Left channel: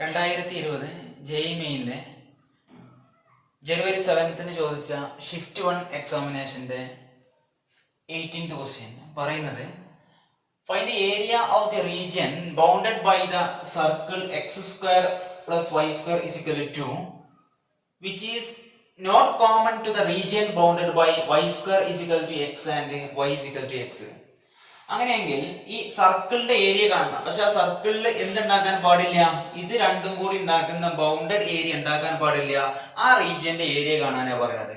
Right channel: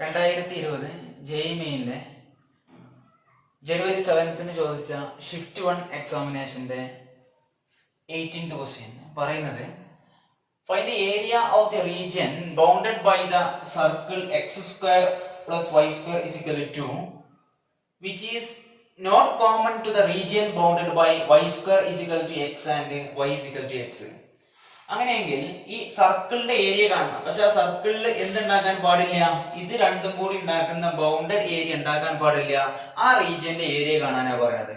2020 ജെഇമെയിലെ ജനുവരി 7 ചോദിച്ച ഷിഫ്റ്റ് 1 എക്സാമിനേഷന്റെ 18th ക്വസ്റ്റ്യൻ പറയുന്നത് find the area of the region bounded by the circle x² + y² = 2 which is not common to the region bounded by y² = x and y = x. അങ്ങനെയെങ്കിൽ ഈ സർക്കിളിന്റെ area കാണണം. പക്ഷെ ആ സർക്കിളിൽ എന്തുണ്ടാക്കാൻ പാടില്ല? ഇത് രണ്ടും കൂടി ഉണ്ടാക്കുന്ന ബൗണ്ടഡ് ഏരിയ ഉണ്ടാക്കാൻ പാടില്ല. ആ റീജിയന്റെ ഏരിയ കാണാനാ പറയുന്നത്.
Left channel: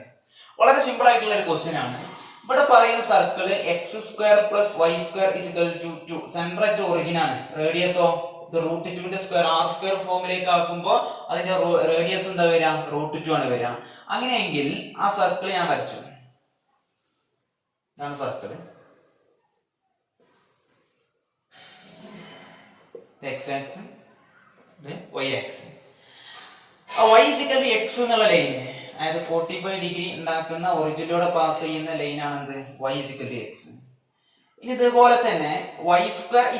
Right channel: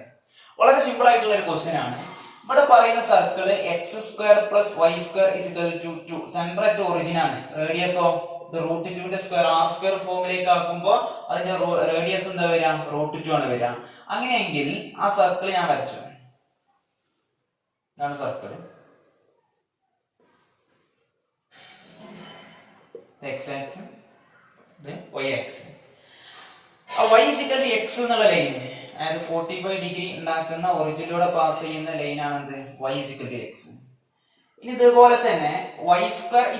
വളരെ സിമ്പിൾ ആയിട്ടുള്ള ഒരു ക്വസ്റ്റ്യൻ ആണ്. ഇവിടെ പറയുന്ന circle x² + y² = 2. Centre at origin ആണ്. റേഡിയസോ √2 സ്ക്വയർ r² ഫോമിലേക്ക് ആക്കുമ്പോൾ അതിന്റെ റേഡിയസ് എന്താ വരിക? √2 ആണ് വരിക. അങ്ങനെയെങ്കിൽ ആ സർക്കിൾ ഞാൻ വരച്ചു. ഇതാണ് circle. x axis, y axis. y = x എന്നുള്ള ലൈൻ, അതായത് 45 ഡിഗ്രി ഉണ്ടാക്കുന്ന ഒറിജിനിലൂടെ പാസ് ചെയ്യുന്ന ലൈനാണ് y = x. ഇനി ഇതുപോലെ തന്നെ y²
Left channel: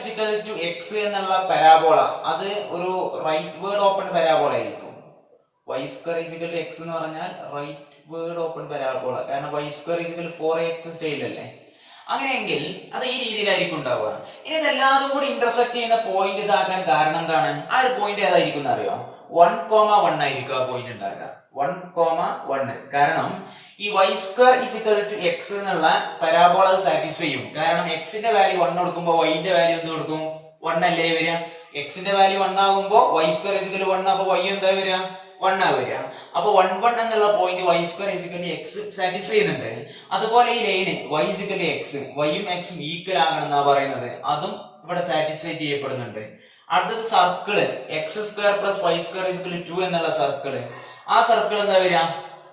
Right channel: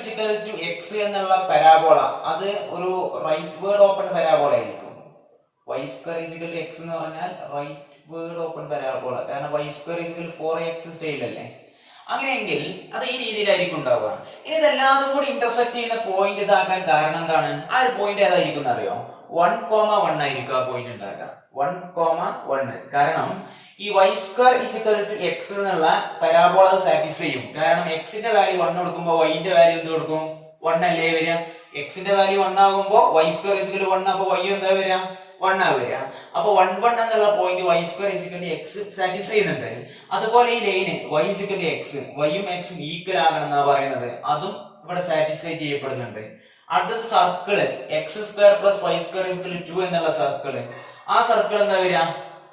= x എന്നുള്ള പരാബോള, അത് ഒരു റൈറ്റ് വേർഡ് ഓപ്പൺ പരാബോള ആയിരിക്കും. y² = x എന്ന് പറഞ്ഞാൽ റൈറ്റ് വേർഡ് ഓപ്പൺ പരാബോള. കാരണം y² = 4x സ്റ്റൈൽ അല്ലേ. അങ്ങനെയെങ്കിൽ അത് ഈ രീതിയിലായിരിക്കും ഉണ്ടാവുക. ഇനി ഇതെല്ലാതും കൂടി ഇന്റർസെക്ട് ചെയ്യുന്ന പോയിന്റ് ഇതാക്കാൻ കാരണം എന്താണ്? ആ ഒരു പോയിന്റ് ഏതായിരിക്കും അറിയോ? 1,1 ആയിരിക്കും ആ പോയിന്റ് ഉണ്ടാകുക. 1,1. കാരണം ഈ y² = x എന്നുള്ള പരാബോള സാറ്റിസ്ഫൈ ചെയ്യും. കാരണം x-ന്റെ വാല്യൂ 1 കൊടുക്കുമ്പോൾ y-ന്റെ വാല്യൂ എന്ത് കൊടുക്കും? 1 അല്ലേ വരിക. x-ന്റെ വാല്യൂ 1 ആകുമ്പോൾ y² = 1, അപ്പൊ y എന്താ വരിക? 1 ആ വരിക. അപ്പൊ 1,1 എന്നുള്ള പോയിന്റ് y² = x സാറ്റിസ്ഫൈ ചെയ്യുന്നുണ്ട്. അതുപോലെ ഈ ലൈന് y = x, y-ഉം x-ഉം ഈക്വൽ ആകണം എന്നാ പറയുന്നത്. അതും ഇവിടെ സാറ്റിസ്ഫൈ ചെയ്യപ്പെടുന്നുണ്ട്. അടുത്തത് സർക്കിള് x² + y² = 2 എന്നുള്ള സർക്കിള്. ആ സർക്കിൾ എന്താ വരിക?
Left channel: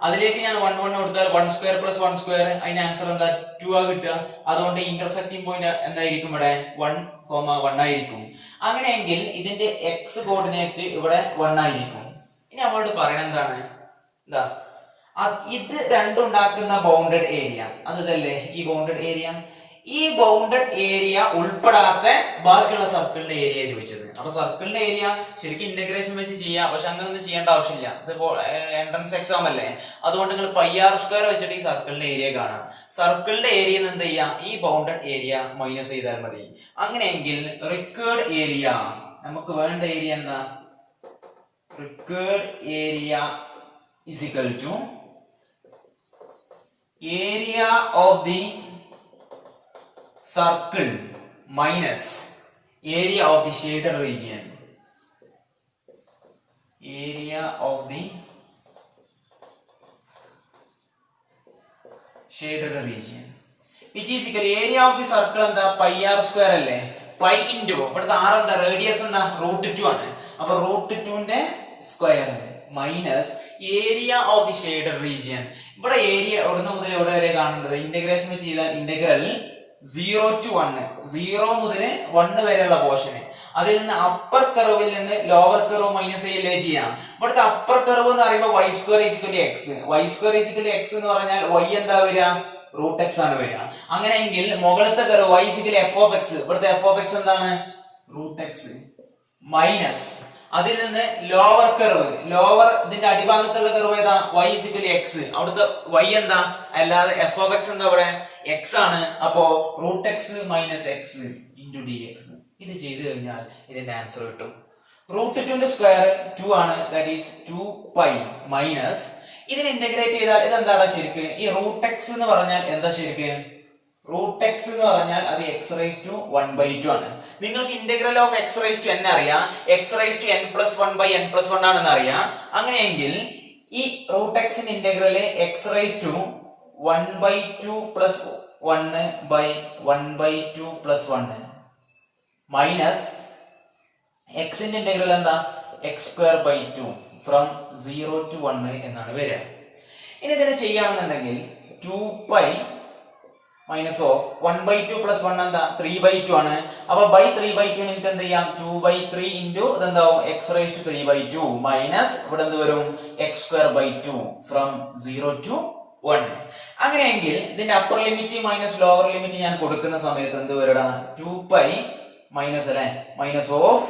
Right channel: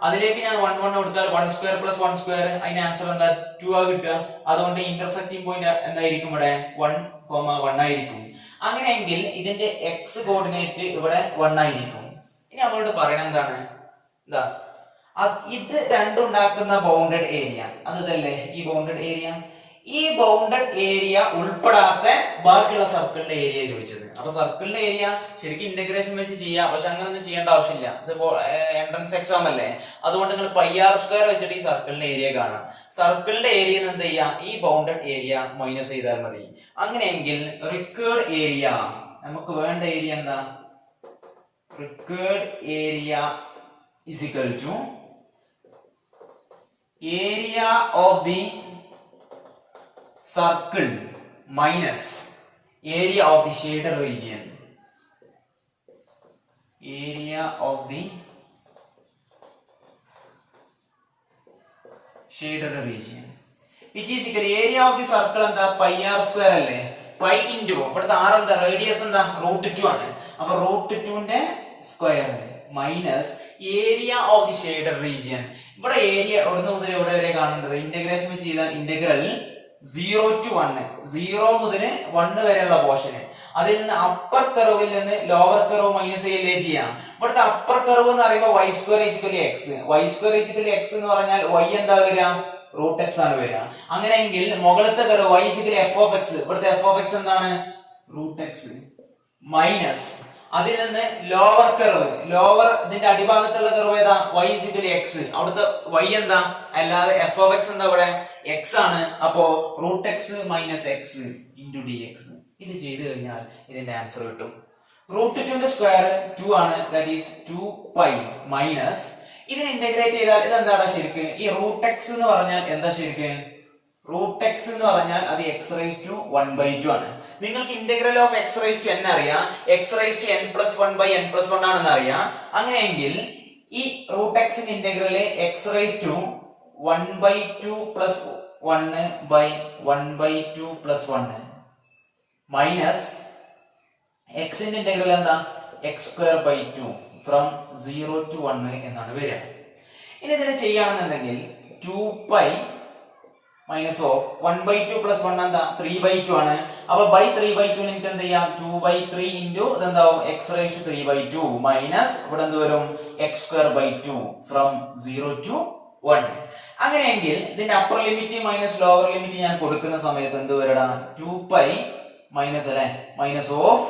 അതിലേക്ക് ഞാൻ 1,1 കൊടുത്താൽ 1² + 1², അതിന്റെ ആൻസർ എന്താ? 2 ആ കിട്ടുക. അതുകൊണ്ട് ഇന്റർസെക്റ്റിംഗ് പോയിന്റ് എന്തായിരിക്കും? ഇവിടെ 1,1 ആയിരിക്കും. അങ്ങനെയെങ്കിൽ ഇതിന്റെ x കോർഡിനേറ്റ് ഇവിടെ 1 ആയിരിക്കും. ഇനി നമ്മളോട് പറയണത് എന്താണ്? എന്താ ഇത് രണ്ടും ഉണ്ടാക്കുന്ന ബൗണ്ടഡ് ഏരിയ, അത് ഇതല്ലേ ഈ ബൗണ്ടഡ് ഏരിയ. ഈ ബൗണ്ടഡ് ഏരിയ ഉൾപ്പെടാത്ത ബാക്കിയുള്ള സർക്കിളിന്റെ ഏരിയ ചോദിച്ചത്. അപ്പൊ സർക്കിളിന്റെ ഏരിയ ശരിക്കും ഇന്റഗ്രേഷൻ വെച്ച് ചെയ്യാം, പക്ഷെ അങ്ങനെ ഒന്നും ചെയ്യേണ്ട ആവശ്യമില്ല. ഇതിപ്പോ എൻട്രൻസ് എക്സാം അല്ലേ, അതുകൊണ്ട് നിങ്ങൾ πr² വെച്ചിട്ട് ഈ സർക്കിളിന്റെ ഏരിയ കാണാം. സർക്കിളിന്റെ ഏരിയ എന്ത് ചെയ്യാം? ഈ ബൗണ്ടഡ് ഏരിയ മൈനസ് ചെയ്താൽ മതി. അങ്ങനെയെങ്കിൽ റിക്വേർഡ് ഏരിയ, നമുക്ക് വേണ്ട ഏരിയ എന്താ? Required area = area of the circle minus area of the shaded region. Area of the shaded region which is equal area of the circle എന്താ? πr² അല്ലേ. π into ഇവിടുത്തെ r എന്താ? റേഡിയസ് എന്താ? √2 ആണ്. അപ്പൊ √2ന്റെ square minus area of the shaded region. ഇവിടെ area എവിടുന്ന് മുതൽ എവിടെ വരെ കാണേണ്ടത്? ഇന്റഗ്രേഷൻ വെച്ച് ചെയ്താൽ ഇന്റഗ്രൽ 0 to 1, 0 മുതൽ 1 വരെയുള്ള പോർഷന്, അതിൽ നിന്ന് അപ്പർ കർവിൽ നിന്ന് ലോവർ കർവ് മൈനസ് ചെയ്യലേ ചെയ്യാം. ഇവിടുത്തെ അപ്പർ കർവ് എന്ന് പറയുമ്പോൾ y² = x. y² = x എന്ന് പറഞ്ഞാൽ y എന്താ വരിക? √x ആണ് വരിക. അങ്ങനെയെങ്കിൽ മുകളിലത്തെ കർവ് y = f(x), ഇവിടുത്തെ f(x) എന്താണ്? √x മൈനസ് അതിൽ നിന്ന് ലോവർ കർവ്, ലോവർ ഇതിന്റെ അടിഭാഗത്തുള്ള കർവ് ഏതാ? y = x. അവിടുത്തെ y എന്താ? അല്ലാതെ f(x) എന്താ? ഇവിടെ x ആണ്. അപ്പോ √x - x × dx. ഇത് ചെയ്തു കഴിഞ്ഞാൽ ഇതിന്റെ ആൻസർ കിട്ടും. √2ന്റെ സ്ക്വയർ 2 ആണ്, ദാറ്റ് ഈസ് 2π മൈനസ് ഇതിനെ ഇന്റഗ്രേറ്റ് ചെയ്താൽ ഇതെന്താണ് ശരിക്ക്? ഈ √x എന്ന് പറഞ്ഞാൽ എന്താ ശരിക്ക്? √x എന്ന് പറഞ്ഞാൽ അത് x⁻² ആണ്. നിങ്ങൾക്ക് ഇന്റഗ്രൽ ഓഫ് x⁻n അറിയാം, x⁻n+1/n+1 ആണെന്ന് അറിയാം. അങ്ങനെയെങ്കിൽ ഈ √xന്റെ ഇന്റഗ്രല് x⁻² 1/2 + 1/1/2 + 1 മൈനസ് x-ന്റെ ഇന്റഗ്രൽ എന്താ? x²/2 ഫ്രം 0 to 1 എന്നാണ് വരിക. ഇനി ഇതിനെ ചെയ്യുകയാണെന്നുണ്ടെങ്കിൽ 2π മൈനസ് ഓഫ് 1/2 + 1 എന്താ? 3/2 ആണ്. അപ്പൊ ബൈ 3/2 എനിക്ക് എന്ത് ചെയ്യാം? 2/3 ഇൻറ്റു ഇതെന്താവും? x⁻³ മൈനസ് ഇവിടെ എന്ത് വരും? x²/2 from 0 to 1. അങ്ങനെയെങ്കിൽ ഇതിന്റെ upper limit minus lower limit ഞാൻ കൊടുക്കുന്ന സമയത്ത് എന്ത് വരടാ? 2π മൈനസ് അല്ലെ, മൈനസ് ഓഫ്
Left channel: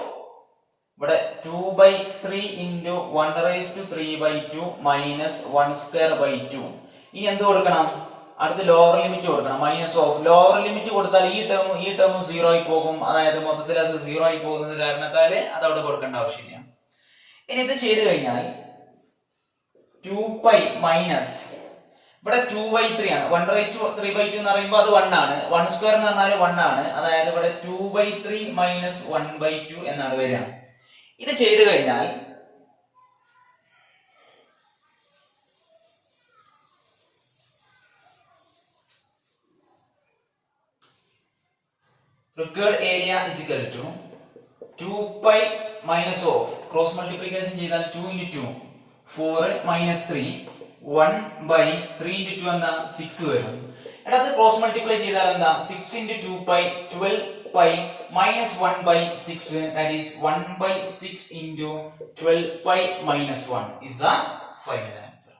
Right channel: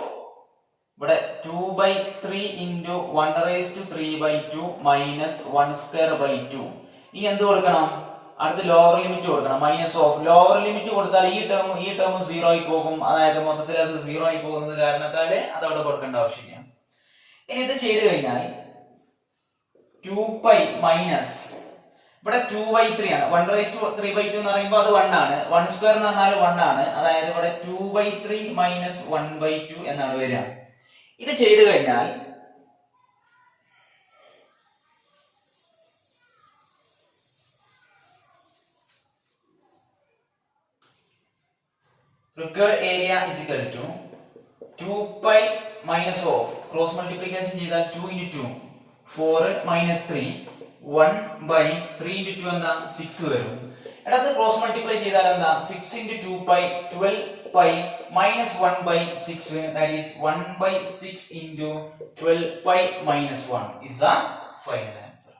ഇവിടെ 2/3 ഇൻറ്റു 1/3/2 മൈനസ് 1/2/2. ഇനി എന്ത് കൊടുക്കണം? അടുത്ത് ലോവർ ലിമിറ്റ് കൊടുക്കണം. മൈനസ് ഓഫ് ലോവർ ലിമിറ്റ് കൊടുത്താൽ ഈ ടേം 0 ആയി പോകും. അതായത് മൊത്തത്തിൽ അത് 0 ആയി പോകുന്നത് കാരണത്താൽ അത് അവിടെ കൊടുക്കേണ്ട ആവശ്യമില്ല. ഇനി ഇത് ചെയ്ത് കഴിഞ്ഞാൽ 2π മൈനസ് ഇവിടെ 2/3 ആണ്. 1/3/2 എന്ന് പറയുമ്പോൾ അത് 1 ആണ്. 1² എന്ന് പറഞ്ഞാൽ 1 ആണ്. അതായത് ഇവിടെ 2/3 മൈനസ് 1/2 എന്നാണ് വരിക. ഇത് ചെയ്തു കഴിഞ്ഞാൽ required area is equal to 2π minus of cross multiplication ചെയ്താൽ 2 into 2 4 minus 3 1/3 into 2 എന്താ 6 വരും. അടുത്ത ക്രോസ് മൾട്ടിപ്ലൈ ചെയ്താൽ എന്താ 6 into 2π 12π minus 1/6 that is 1/6 into 12π minus 1 is the final answer.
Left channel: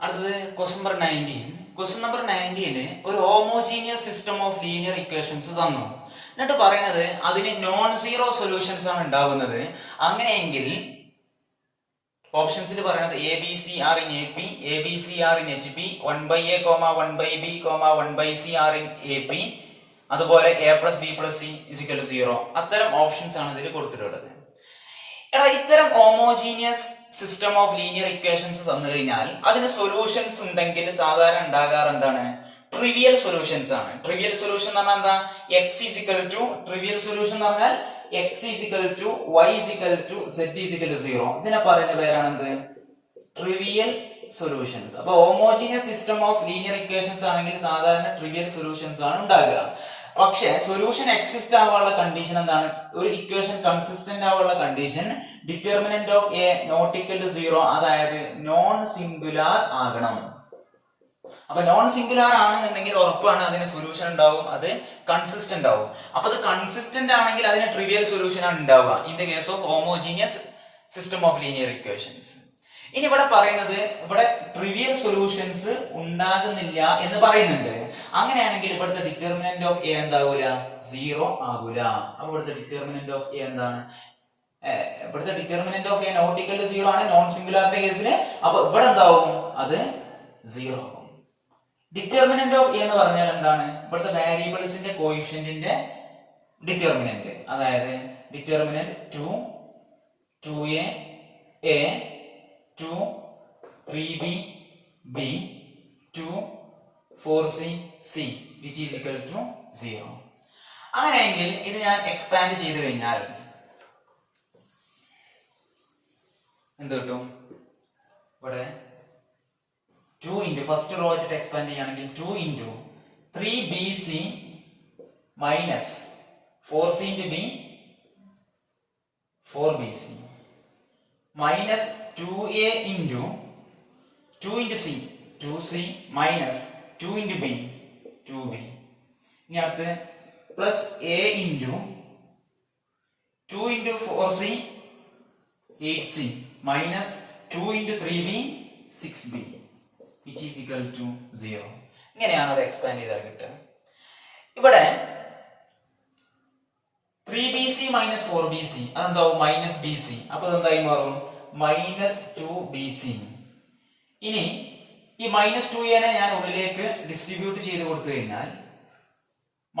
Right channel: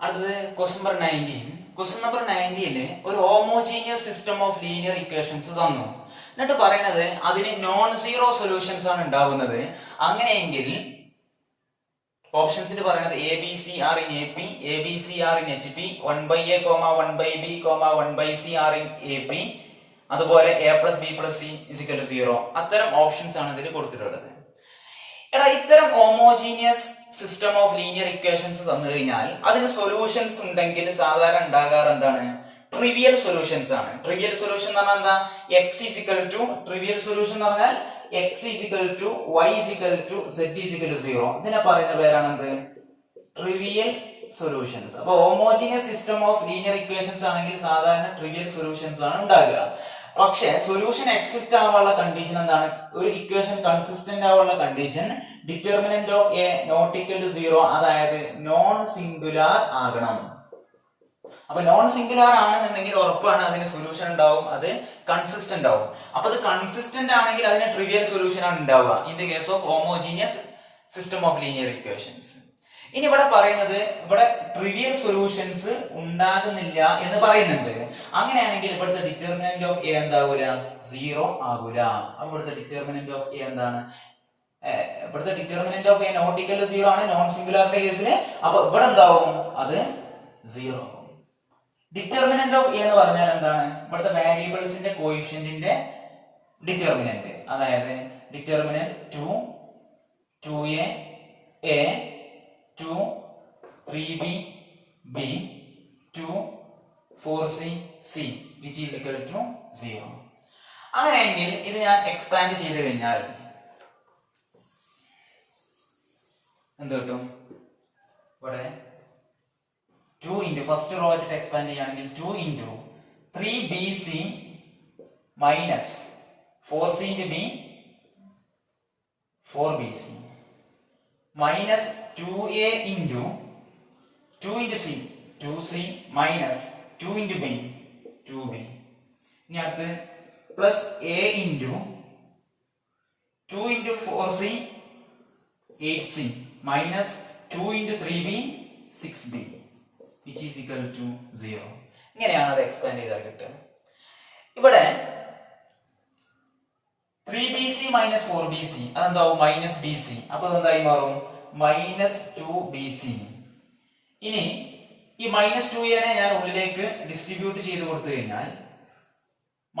അടുത്തത് ക്വസ്റ്റ്യൻ നമ്പർ 19. ക്വസ്റ്റ്യൻ നമ്പർ 19 ഒരു homogeneous system of linear equations തന്നു. എന്നിട്ട് പറയുന്നത് അതിന് നോൺ സീറോ സൊല്യൂഷൻസ് ആണ് ഉണ്ടാവുന്നത്. അങ്ങനെയെങ്കിൽ ഓപ്ഷൻസിൽ പറയുന്നത് ABCR in AP, ABCR in HP, 1/A, 1/B, 1/CR in AP, അതുപോലെ A plus B plus C is equal to 0. അത്തരം ഓപ്ഷൻസ് ആണ് ഇതിൽ കൊടുത്തിട്ടുള്ളത്. എടാ ഇത്തരം homogeneous system of linear equations തന്നു കഴിഞ്ഞാൽ അതിന് സൊല്യൂഷൻസ് ഉണ്ടെങ്കിൽ സാധാരണ ഉണ്ടാകാറ് എന്താണ്? ട്രിവിയൽ സൊല്യൂഷൻസ് ആണ്. ട്രിവിയൽ സൊല്യൂഷൻ എന്ന് പറഞ്ഞാൽ എന്താ? X is equal to trivial solution എന്ന് പറഞ്ഞാൽ X is equal to Y is equal to Z is equal to 0. ഇതിനെ പറയുന്ന പേരാണ് എന്ത്? Trivial solutions. അപ്പൊ homogeneous system of linear equations ആണെങ്കിൽ സാധാരണ ട്രിവിയൽ സൊല്യൂഷൻസ് ആണ് ഉണ്ടാകുക. പക്ഷെ സൊല്യൂഷൻ എക്സിസ്റ്റ് ആവാനുള്ള കണ്ടീഷൻ എന്താണ്? ഒരു ഇക്വേഷൻ കൺസിസ്റ്റന്റ് ആവാനുള്ള condition determinant of A not equal to 0, അതായത് നോൺ സിംഗുലാർ ആകണം. അപ്പൊ നോൺ സിംഗുലാർ ആണെന്നുണ്ടെങ്കിൽ ഉറപ്പാണ് അതിന് സൊല്യൂഷൻ ഉണ്ടാവും, അത് കൺസിസ്റ്റന്റ് ആവും. അപ്പൊ അത് കൺസിസ്റ്റന്റ് ആണെങ്കിൽ അതിന് ട്രിവിയൽ സൊല്യൂഷൻ ആണ് ഉണ്ടാവുക in the case of homogeneous system of linear equations. ഇനി ഇവിടെ പറയുന്നത് ഇവിടെ ട്രിവിയൽ സൊല്യൂഷൻസ് ഉണ്ടാകുന്നില്ല എന്ന് പറയുന്നുണ്ട്. അങ്ങനെയാണെങ്കിൽ ഇവിടുത്തെ ഡിറ്റർമിനന്റ് ഓഫ് എ എന്താവൂല? 0 ആകൂല. അപ്പൊ ഇവിടുത്തെ ഡിറ്റർമിനന്റ് ഓഫ് എ എന്താണ്? ഇവിടുത്തെ determinant of A not equal to 0 ആണ് നോൺ സിംഗുലാറിന്റെ കേസിൽ. അപ്പൊ ഇവിടെ എന്താവും? അത് 0. ഡിറ്റർമിനന്റ് ഓഫ് എ എന്ന് പറഞ്ഞാൽ എന്താണ്? ഇവിടുത്തെ വേരിയബിൾസിന്റെ കോഎഫിഷ്യന്റിന്റെ ഡിറ്റർമിനന്റ്. അതായത് determinant 2, 2a, a, 2, 3b, b, 2, 4c, c which is equal to 0. അങ്ങനെയെങ്കിൽ ഇത് ഞാൻ എക്സ്പാൻഡ് ചെയ്ത് കഴിഞ്ഞാൽ എന്ത് കിട്ടും? ഇവിടെ 2 into ഫസ്റ്റ് റോ വെച്ചിട്ട് എക്സ്പാൻഡ് ചെയ്യുകയാണെങ്കിൽ 2 into 3bc minus 4c into b 4bc minus 2a into 2 into c 2c minus 2 into b 2b. ഇനി അടുത്ത് plus a into 2 into 4c 8c minus 2 into 3b 6b which is equal to 0. ഇങ്ങനെയാണ് അത് expand ചെയ്താൽ കിട്ടുക. ഇവിടെ 3bc minus 4bc അതെന്താവും? Minus bc. അപ്പൊ അതെന്തായി മാറും? Minus 2bc. ഇനി ഈ മൈനസ് 2a ഞാൻ ഉള്ളിലേക്ക് ഡിസ്ട്രിബ്യൂട്ട് ചെയ്ത് കൊടുത്തു കഴിഞ്ഞാൽ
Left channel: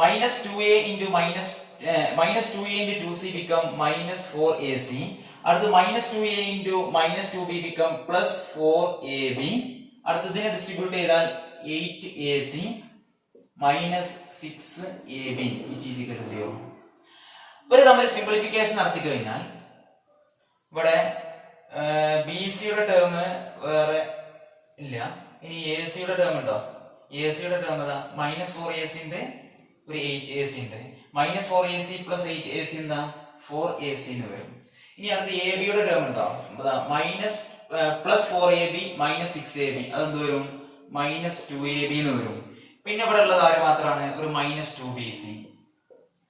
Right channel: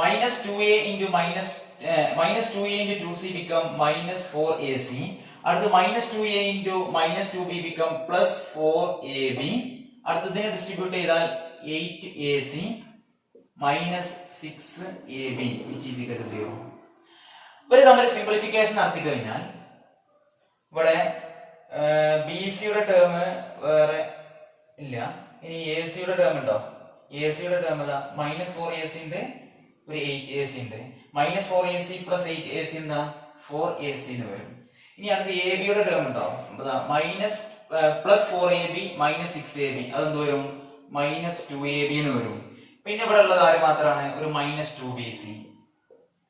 minus 2a into minus 2a into 2c become minus 4ac. അടുത്ത് minus 2a into minus 2b become plus 4ab. അടുത്തതിനെ ഡിസ്ട്രിബ്യൂട്ട് ചെയ്താൽ 8ac minus 6ab which is equal to 0. ഇവര് തമ്മിൽ സിംപ്ലിഫിക്കേഷൻ നടത്തി കഴിഞ്ഞാൽ ഇവിടെ ബിസിയുടെ ടേം വേറെ ഇല്ല. ഇനി എസിയുടെ ടേം ഉണ്ടോ? എസിയുടെ ടേം ഏതാ? മൈനസ് 4ac ഉണ്ട്, ഒരു 8ac ഉണ്ട്. മൈനസ് 4ac പ്ലസ് 8ac എന്താ? 4ac എന്ന് വരും. ഇനി അടുത്ത് എ ബിയുടെ ടേം ഉണ്ടോ? Minus plus 4ab minus 6ab അതെന്ത് വരും? മൈനസ് 2ab എന്ന് വരും. പിന്നെ ഇവിടെ ഉള്ളത് ആര് മാത്രമാണ്? ഒരു minus 2bc.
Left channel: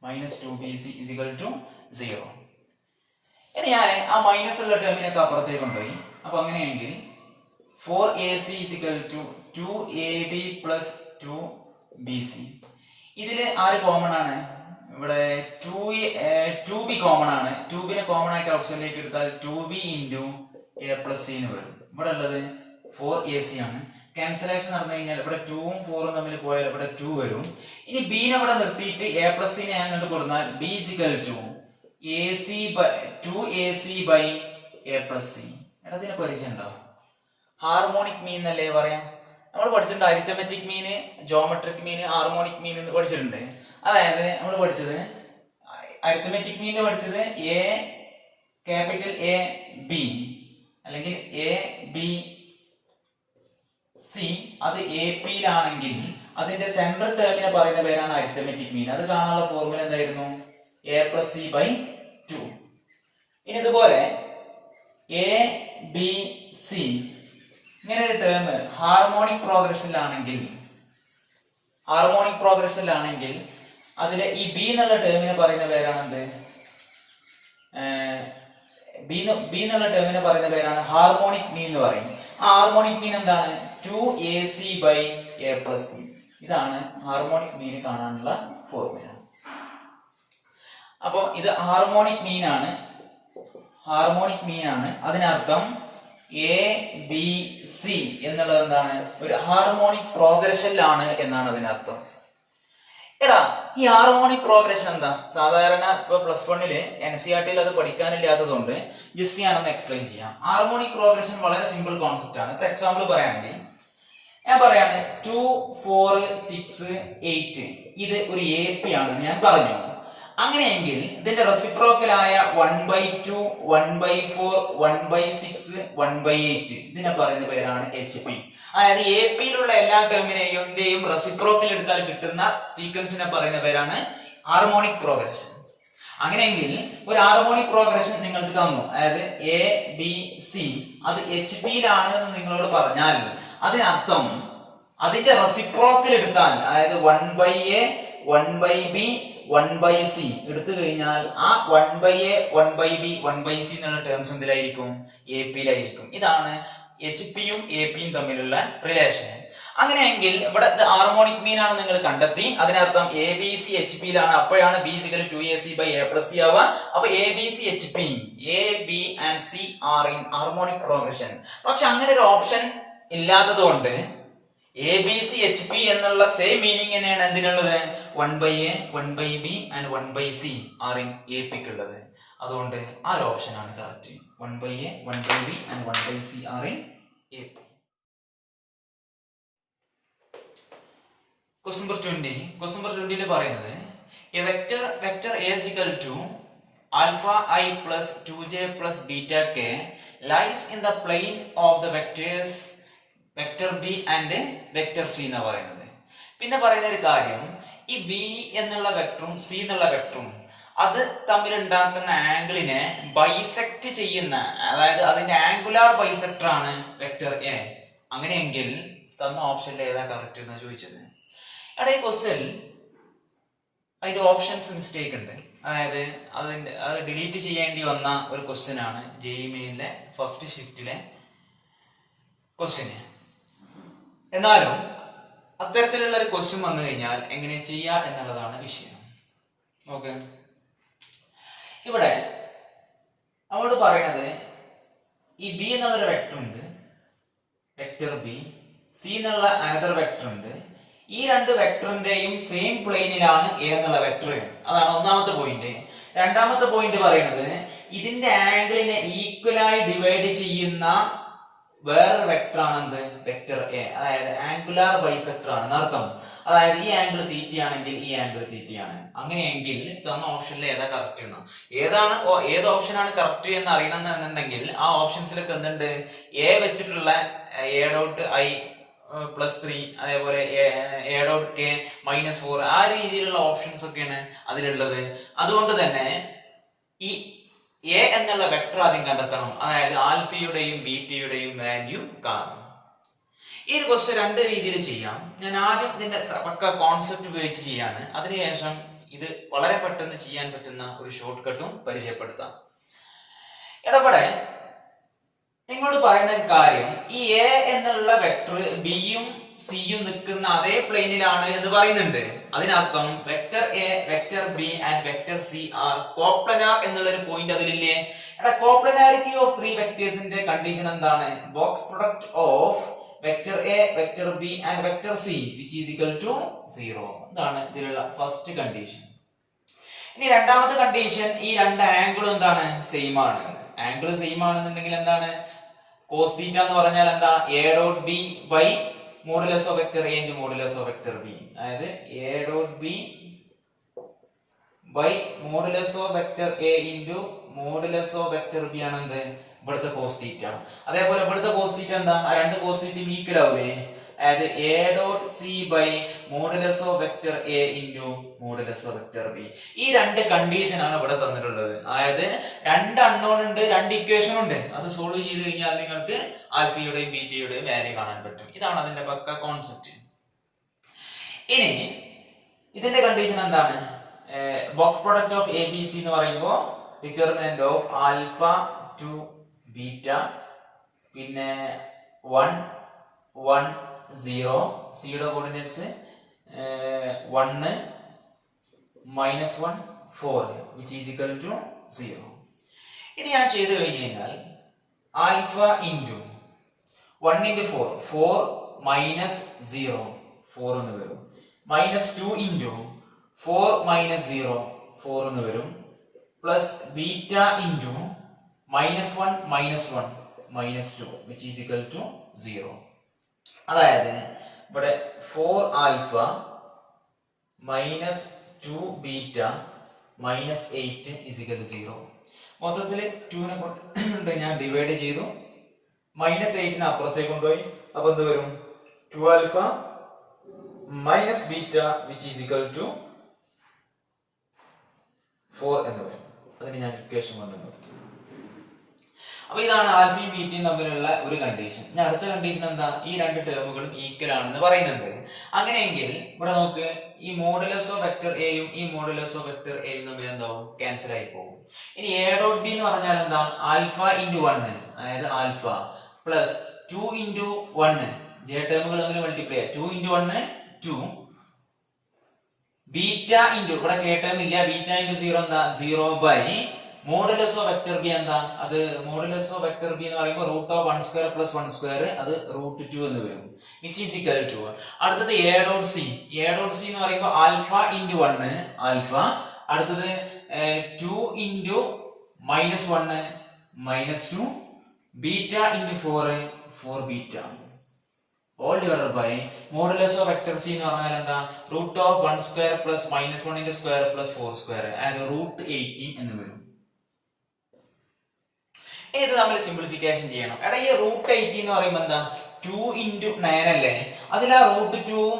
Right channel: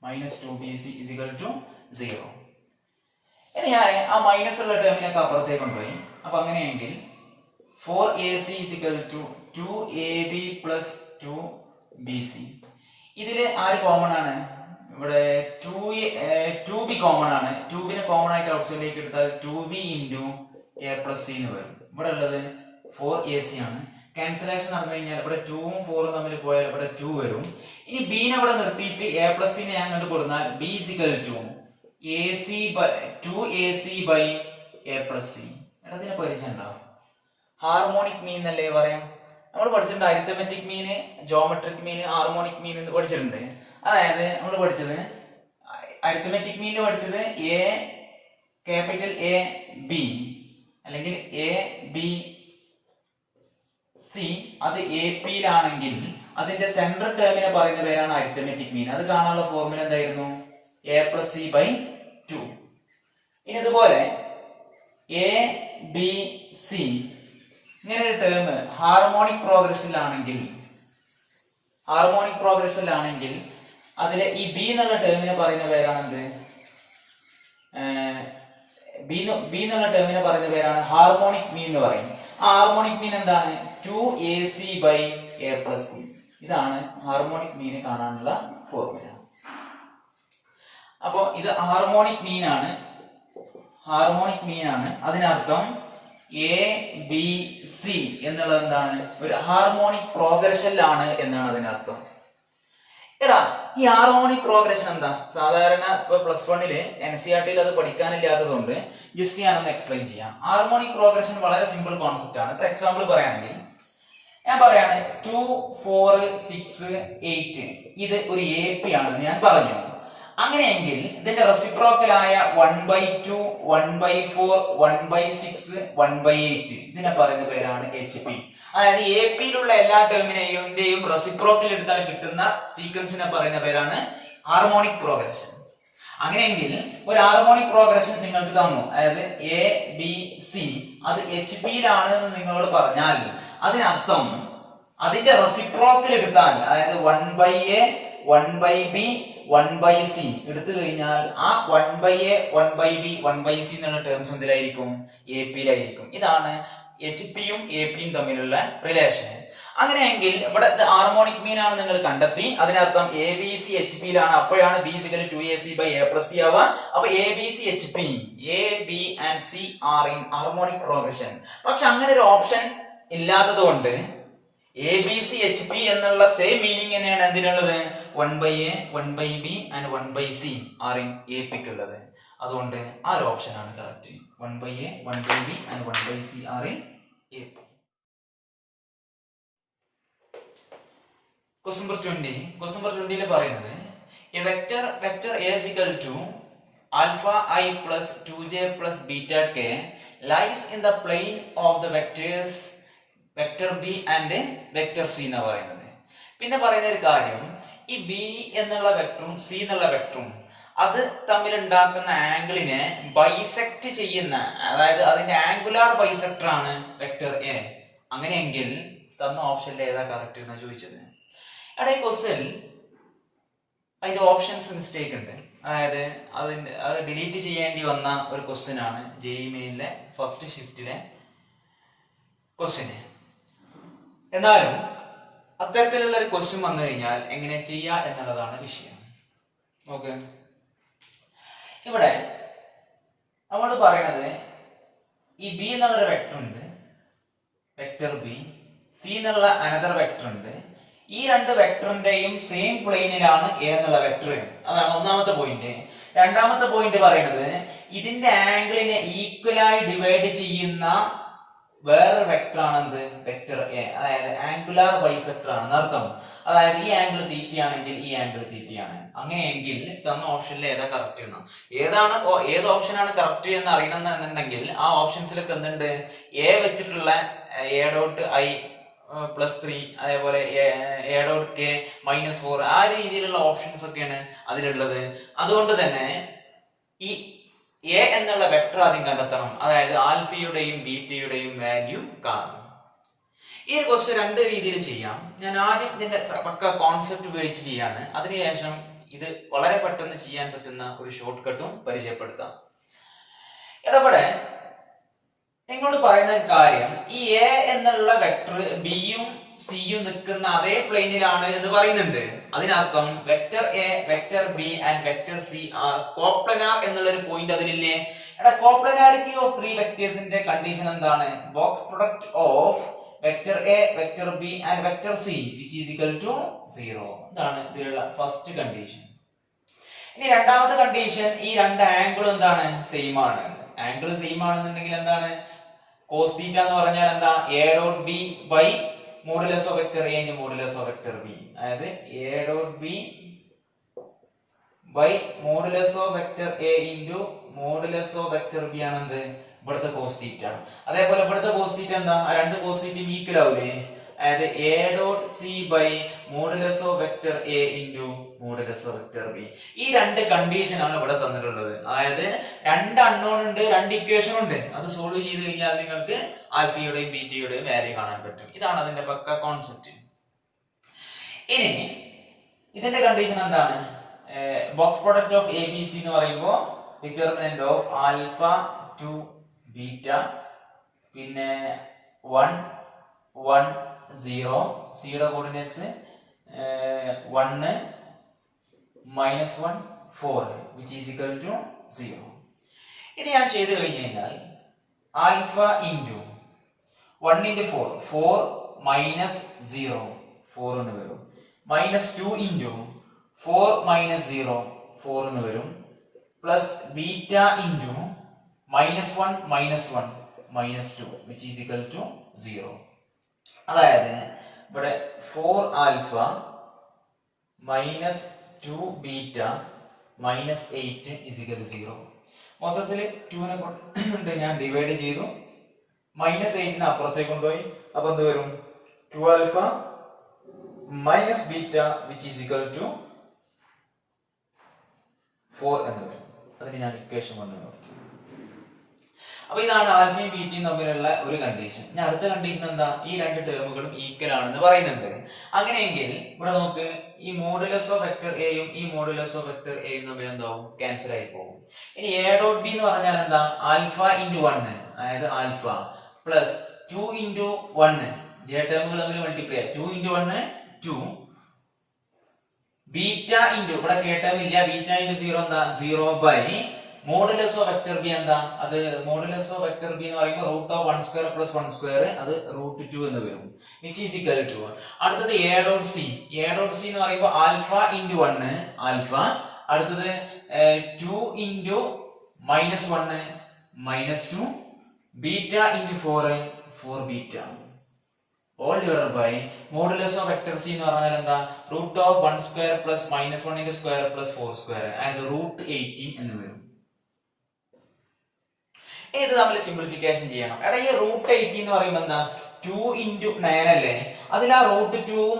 Minus 2bc is equal to 0. ഇനി ഞാൻ ആ മൈനസ് ഉള്ള ടേമിനൊക്കെ അപ്പുറത്തേക്ക് കൊണ്ടുപോയി. അപ്പൊ അങ്ങനെയെങ്കിൽ 4ac is equal to 2ab plus 2bc. ഇതില് ആര് കോമൺ ആണ്? ഇവിടെ 2b കോമൺ ആണ്. 2bനെ കോമൺ ആയിട്ട് ഓപ്ഷനിലേക്ക് എടുത്താൽ 2b into A plus C എന്ന് വരും. ഇവിടെ ഉള്ളത് 4ac ആണ്. ക്യാൻസലേഷൻ നടന്നു കഴിഞ്ഞാൽ ഇവിടെ 2ഉം 4ഉം തമ്മിൽ പോയാൽ ഇവിടെ 2 വരും. ഇനി ബിനെ ഇവിടെ നിർത്തിയിട്ട് എ പ്ലസ് സിനെ ഞാൻ കണ്ടു കൊടുത്താൽ b is equal to ac by 2ac by A plus C. അതിനെ പരിചയം ഉണ്ടാവും. ഹാർമോണിക് മീൻ എന്നല്ലേ പറയാം. നമ്മൾ പഠിച്ചിട്ടുണ്ട് അരിത്തമെറ്റിക് മീന്, ജോമെട്രിക് മീന്, ഹാർമോണിക് മീൻ എന്ന് പഠിച്ചിട്ടുണ്ട്. അതായത് നമ്മൾ പഠിച്ചത് അരിത്തമെറ്റിക് മീനിൽ പഠിച്ചത് എ ക്യാപിറ്റൽ എ ബി അല്ലെങ്കിൽ എ ബി സി, അത് എ പിയിലാണെങ്കിൽ അതിന്റെ സെൻട്രൽ ടേമിനെ പറയുന്ന പേരാണ് അരിത്തമെറ്റിക് മീൻ. അത് കാണാനുള്ള ഫോർമുല എന്തായിരുന്നു? A plus C by 2. ഇനി ഇതുപോലെ എ ബി സി ഇങ്ങനെ ഒരു ടേം ഹാർമോണിക് പ്രോഗ്രഷനിലാണെങ്കിൽ അതിലെ ഈ ബി എന്നുള്ള ടേമിനെ പറയുന്ന പേരാണ് എന്ത്? ബി എന്നുള്ള ടേമിനെ പറയുന്ന പേരാണ് ഹാർമോണിക് മീൻ എന്ന് പറയും. ആ ഹാർമോണിക് മീൻ എന്താണ്? 2ac by A plus C. ഇതാണ് ഹാർമോണിക് മീൻ കാണാനുള്ള ഫോർമുല. അപ്പോ ഇത് ഹാർമോണിക് മീൻ ആണ്. അതിനർത്ഥം എ ബി സി എന്നുള്ളത് എന്താണ്? ഒരു ഹാർമോണിക് പ്രോഗ്രഷനിലാണ് എന്നാണ് അതിനർത്ഥം. എടാ, ഈ ഹാർമോണിക് പ്രോഗ്രഷൻ എന്താ? സാധാരണ ഇപ്പൊ +1 NCERT അത് പഠിക്കാനില്ലാത്തതുകൊണ്ട് ജസ്റ്റ് ഞാനൊന്ന് എക്സ്പ്ലെയിൻ ചെയ്യാം. ഹാർമോണിക് പ്രോഗ്രഷൻ വളരെ സിമ്പിൾ കോൺസെപ്റ്റ് ആണ്. ഇപ്പൊ എക്സാമ്പിൾ പറയുകയാണെങ്കിൽ ഞാൻ പറയാണ് 2 4 6 8 ഇത് ഒരു AP ആണെന്ന് ഞാൻ പറഞ്ഞു. അങ്ങനെയെങ്കിൽ ഇതിന്റെ റെസിപ്രോക്കലായ 1/2 1/4 1/6 1/8 ഇതിനെ പറയുന്ന പേരാണ് HP. അതായത് എ പിയിലുള്ള എല്ലാ ടേമിനെയും റെസിപ്രോക്കൽ എടുത്താൽ കിട്ടുന്ന സീക്വൻസിനെ പറയുന്ന പേരാണ് ഹാർമോണിക് പ്രോഗ്രഷൻ. അങ്ങനെയെങ്കിൽ ഒരു ഹാർമോണിക് പ്രോഗ്രഷൻ നിങ്ങൾക്ക് തന്നു, അതായത് എ ബി സി അത് HP-യിലാണ് എന്ന് നിങ്ങളോട് പറഞ്ഞാൽ അതിനർത്ഥം അതിന്റെ റെസിപ്രോക്കൽ എടുത്താൽ, അതായത് 1/A 1/B 1/C എടുത്തു കഴിഞ്ഞാൽ ആ 1/A 1/B 1/C എന്നുള്ള ടേംസ് എന്തിലായിരിക്കും? എ പിയിലായിരിക്കും. ഇതാണ് HP-യും AP-യും തമ്മിലുള്ള റിലേഷൻ. അങ്ങനെയെങ്കിൽ ഇവിടെ ഹാർമോണിക് മീൻ ആണ് നിങ്ങൾ കണ്ടെത്തി. അതിനർത്ഥം എ ബി സി HP-യിലാണ്. അപ്പോഴാണ് B = 2ac by a plus c ആവുക. അപ്പൊ A B C HP, A B and C are in harmonic progression. പക്ഷെ അങ്ങനെ ഒരു ഓപ്ഷൻ ഇല്ലാത്തത് കൊണ്ട് എ ബി സി HP എന്നുള്ള സെയിം മീനിങ് തന്നെയാണ് എന്തിനുള്ളത്? 1/A 1/B and 1/C are in AP ക്കുള്ളത്. അതുകൊണ്ട് ആ ഒരു ഓപ്ഷൻ ആണ് correct. 1/A 1/B and 1/C are in AP. Question number 20 പറയുന്നത് a vector A is equal to alpha I plus 2j plus beta k lies in the plane of the vectors vector B and vector C എന്ന് പറയുന്നത്. പിന്നെ പറയുന്ന ഒരു കാര്യം, ഈ B എന്നുള്ള വെക്ടറും C എന്നുള്ള വെക്ടറും അത് തമ്മിൽ ഉണ്ടാക്കുന്ന ആംഗിളിനെ ബൈസെക്ട് ചെയ്യുന്ന, അതായത് അതിന്റെ ആംഗുലാർ ബൈസെക്ടർ ആണ് വെക്ടർ A. അങ്ങനെയെങ്കിൽ തന്ന ഓപ്ഷനിൽ ഏതാ കറക്റ്റ് എന്നാ ചോദിച്ചത്. അവിടെ ഈ ക്വസ്റ്റ്യൻ അതിന്റെ ഓപ്ഷൻസ് മിസ്റ്റേക്ക് ഉണ്ട്. അതായത് അത് ഡിലീറ്റ് ചെയ്യേണ്ടി വന്ന ഒരു ക്വസ്റ്റ്യൻ ആണ് JEE മെയിനിലെ ഫസ്റ്റ് ഷിഫ്റ്റിലെ ക്വസ്റ്റ്യൻ. എന്നാലും അത്തരത്തിലുള്ള ഒരു ക്വസ്റ്റ്യൻ വന്നു കഴിഞ്ഞാൽ എങ്ങനെ ചെയ്യാം എന്നുള്ളതാണ് വിഷയം. ഓക്കെ, ഇവിടെ നമ്മോട് പറയുന്നത് ഈ B എന്നുള്ളൊരു വെക്ടർ ഉണ്ട്, വെക്ടർ B. C എന്നുള്ള അനദർ വെക്ടർ ഉണ്ട്. ഈ രണ്ട് വെക്ടറിന്റെയും സെയിം പ്ലെയിനിലാണ് A എന്നുള്ള വെക്ടർ. അതാണ് ഒന്നാമത്തെ പോയിന്റ്. രണ്ടാമത്തെ പോയിന്റ് പറയുന്നത് ഇതിന്റെ ആംഗിളിനെ ഈക്വലായി ഡിവൈഡ് ചെയ്യുന്ന വേറൊരു വെക്ടർ ആണ് എന്ത്? Vector A. അതായത് ആംഗുലാർ ബൈസെക്ടർ ആണ് അർത്ഥം. അതായത് ഈ ആംഗിൾ തീറ്റയാണെങ്കിൽ ഈ ആംഗിൾ തീറ്റയാണ്. അങ്ങനെയെങ്കിൽ തന്ന ഓപ്ഷനിൽ ഏതാ കറക്റ്റ് എന്നോ ഏത് ഓപ്ഷനാണ് കറക്റ്റ് എന്ന് അറിയണമെന്നുണ്ടെങ്കിൽ ആ ഓപ്ഷൻസിലൊക്കെ എന്തുണ്ട്? A വെച്ചിട്ടുള്ള A ഡോട്ട് I +3 അതേപോലെ A ഡോട്ട് K -4 ആ രീതിയിലുള്ള ഓപ്ഷൻസ് ഒക്കെയാണ് അതിലുള്ളത്. അതുകൊണ്ട് തന്നെ ഈ A എന്നുള്ള വെക്ടർ ആദ്യം കണ്ടെത്തണം. അതായത് ആൽഫയുടെയും ബീറ്റയുടെയും വാല്യൂ കാണും. ഈ ഒരു ക്വസ്റ്റ്യൻ രണ്ട് രീതിയിൽ ചെയ്യാം. ഞാൻ ആദ്യം ഇതിന്റെ പക്ക കോൺസെപ്റ്റ് ഉപയോഗിച്ച് ചെയ്യാണ്. അതിനുശേഷം ഇത് വളരെ പെട്ടെന്ന് ചെയ്യാൻ പറ്റുന്ന ഒരു ഷോർട്ട് കട്ടും പരിചയപ്പെടുത്താം. ഇവിടെ നിങ്ങളോട് പറയുന്ന കാര്യം, ഈ A എന്നുള്ള വെക്ടർ ബിയും സിയും നിൽക്കുന്ന അതേ പ്ലെയിനിലാണ് എന്ന് പറയുന്നുണ്ട്. അതിനർത്ഥം vector A, vector B and vector C are coplanar എന്നുള്ള ഒരു പോയിന്റ് അതിലില്ലേ? എടാ, കോപ്ലനാരിറ്റി ഓഫ് ത്രീ വെക്ടേഴ്സിന്റെ കണ്ടീഷൻ എന്താണ്? Box product of vector A, vector B and vector C which is equal to 0. ഇതാണ് ഇതിലുള്ള ഫസ്റ്റ് കണ്ടീഷൻ. ഇനി രണ്ടാമത്തെ കണ്ടീഷൻ, ഈ രണ്ട് ആംഗിളും എന്താണ്? സെയിം ആണ്. ആംഗിൾ സെയിം ആണെന്നുണ്ടെങ്കിൽ എന്താണ്? cos θ എന്ന് പറഞ്ഞാൽ എന്താ? a dot b by modulus of vector a into modulus of vector b. അതായത് a dot b by modulus of vector a into modulus of vector b ആണ് എന്ത്? ഇവിടുത്തെ cos θ. അതേപോലെ ഇവിടുത്തെ cos θ എന്താ? ആ രണ്ട് cos θ ഈക്വൽ ആവൂലേ? അതായത് a dot c by modulus of vector a into modulus of vector b. ഈ രണ്ട് കണ്ടീഷൻ ആണ് ഇവിടെ തന്നിട്ടുള്ളത്. അതായത് രണ്ട് അൺനോൺ ഉണ്ട്, രണ്ട് ഇക്വേഷൻ ഉണ്ട്. അത് സോൾവ് ചെയ്ത് കഴിഞ്ഞാൽ നിങ്ങൾക്ക് ആൽഫയുടെയും ബീറ്റയുടെയും വാല്യൂ കാണാൻ പറ്റും. ഇതാണ് അതിന്റെ പക്ക കോൺസെപ്റ്റ്. ഇനി ഇതിന്റെ കണ്ടീഷൻ എന്താണ്? Box product of A B C എന്ന് പറയുമ്പോൾ determinant of alpha to beta, പിന്നെ 1 1 0, സിയുടെ coordinates 1 -1 4 which is equal to 0. ഇത് ഞാൻ ചെയ്തു കഴിഞ്ഞു കഴിഞ്ഞാൽ ആൽഫ ഇൻറ്റു 1 into 4 4 minus 0 4 എന്ന് വരും. -2 into 4 minus 0 4 എന്ന് വരും. Plus beta into -1 -1 -2 which is equal to 0. അതായത് ഇവിടെ 4 alpha -2 beta -8 is equal to 0. മൊത്തത്തിൽ 2 നെ കൊണ്ട് ഞാൻ ഡിവൈഡ് ചെയ്തു. -8 അപ്പുറത്തേക്ക് കൊണ്ടുപോയി. അപ്പൊ എന്ത് വരും? 2 alpha minus beta which is equal to 4 എന്ന് വരും. അതിന് ഞാൻ ഇക്വേഷൻ കൊണ്ടുവന്നു. അപ്പൊ ഇതാണ് ആൽഫയും ബീറ്റയും തമ്മിലുള്ള ഒരു കണ്ടീഷൻ. ഇനി അടുത്ത കണ്ടീഷൻ എന്താ? ഈ രണ്ട് ടേമുകളും ഈക്വൽ ആണെന്ന് പറയുന്നുണ്ട്. അങ്ങനെയെങ്കിൽ ഇവിടെ നോക്ക്, ഈ മോഡുലസ് ഓഫ് വെക്ടർ എയും ഈ മോഡുലസ് ഓഫ് വെക്ടർ എയും തമ്മിൽ എന്താവും? ക്യാൻസൽ ആയി പോകും. ഇനി എ ഡോട്ട് ബി എന്ന് പറഞ്ഞാൽ എന്താ? ആൽഫ ഇൻറ്റു 1, അതായത് ആൽഫ പ്ലസ് 2 ഇൻറ്റു 1, ജെ ടേമുകൾ തമ്മിൽ മൾട്ടിപ്ലൈ 2 ഇൻറ്റു 1 2, ബീറ്റ ഇൻറ്റു ഇവിടെ കെ ടേം ഇല്ല, ബീറ്റ ഇൻറ്റു 0 എന്താ? 0 by modulus of vector B എന്താ? അത് മോഡുലസ് ഓഫ് വെക്ടർ ബി എന്ന് പറയുമ്പോൾ root of 1 square plus 1 square, അത് √2 എന്ന് വരും. വിച്ച് ഈസ് ഈക്വൽ ടു അടുത്തത് A dot C. A dot C എന്ന് പറയുമ്പോൾ ആൽഫ ഇൻറ്റു 1 ആൽഫ, അടുത്തത് 2 into -1 -2, beta into 4 4 beta all divided by modulus of vector C എന്ന് പറഞ്ഞാൽ എന്താ? Root of 1 square plus -1 square plus 4 square, അതായത് √18 എന്ന് വരും. ഇത് നമ്മൾ സിംപ്ലിഫിക്കേഷൻ ചെയ്യണം. എടാ, ഈ √18 എന്ന് പറയുമ്പോൾ എന്താ? 2 into 9 അല്ലേ? അതിൽ ആ √2ഉം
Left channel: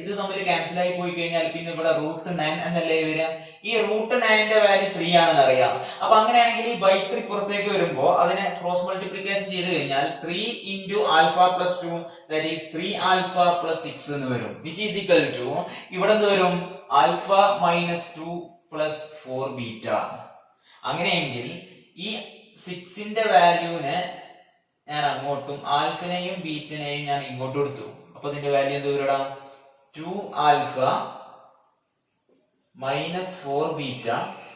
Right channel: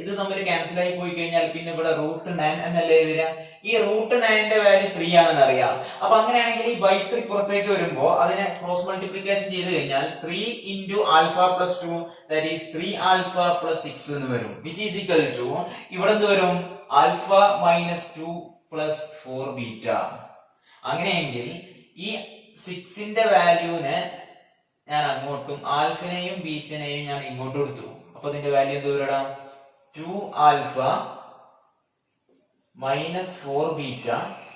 ഇത് തമ്മിൽ ക്യാൻസൽ ആയി പോയി കഴിഞ്ഞാൽ പിന്നെ ഇവിടെ √9 എന്നല്ലേ വരിക? ഈ √9ന്റെ വാല്യൂ 3 ആണെന്ന് അറിയാം. അപ്പൊ അങ്ങനെയാണെങ്കിൽ ഈ ബൈ 3 പുറത്തേക്ക് വരുമ്പോൾ അതിനെ ക്രോസ് മൾട്ടിപ്ലിക്കേഷൻ ചെയ്ത് കഴിഞ്ഞാൽ 3 into alpha plus 2 that is 3 alpha plus 6 എന്ന് വരും. which is equal to ഇവിടെ എന്ത് വരും? alpha minus 2 plus 4 beta. അങ്ങനെയെങ്കിൽ ഈ 6ന്റെ വാല്യൂനെ ഞാൻ അങ്ങോട്ടും ആൽഫനെയും ബീറ്റനെയും ഞാൻ ഇങ്ങോട്ടും എടുത്തു. അപ്പൊ ഇതിന്റെ വാല്യൂ എന്ത് വരും? 2 ആൽഫ -4 ബീറ്റ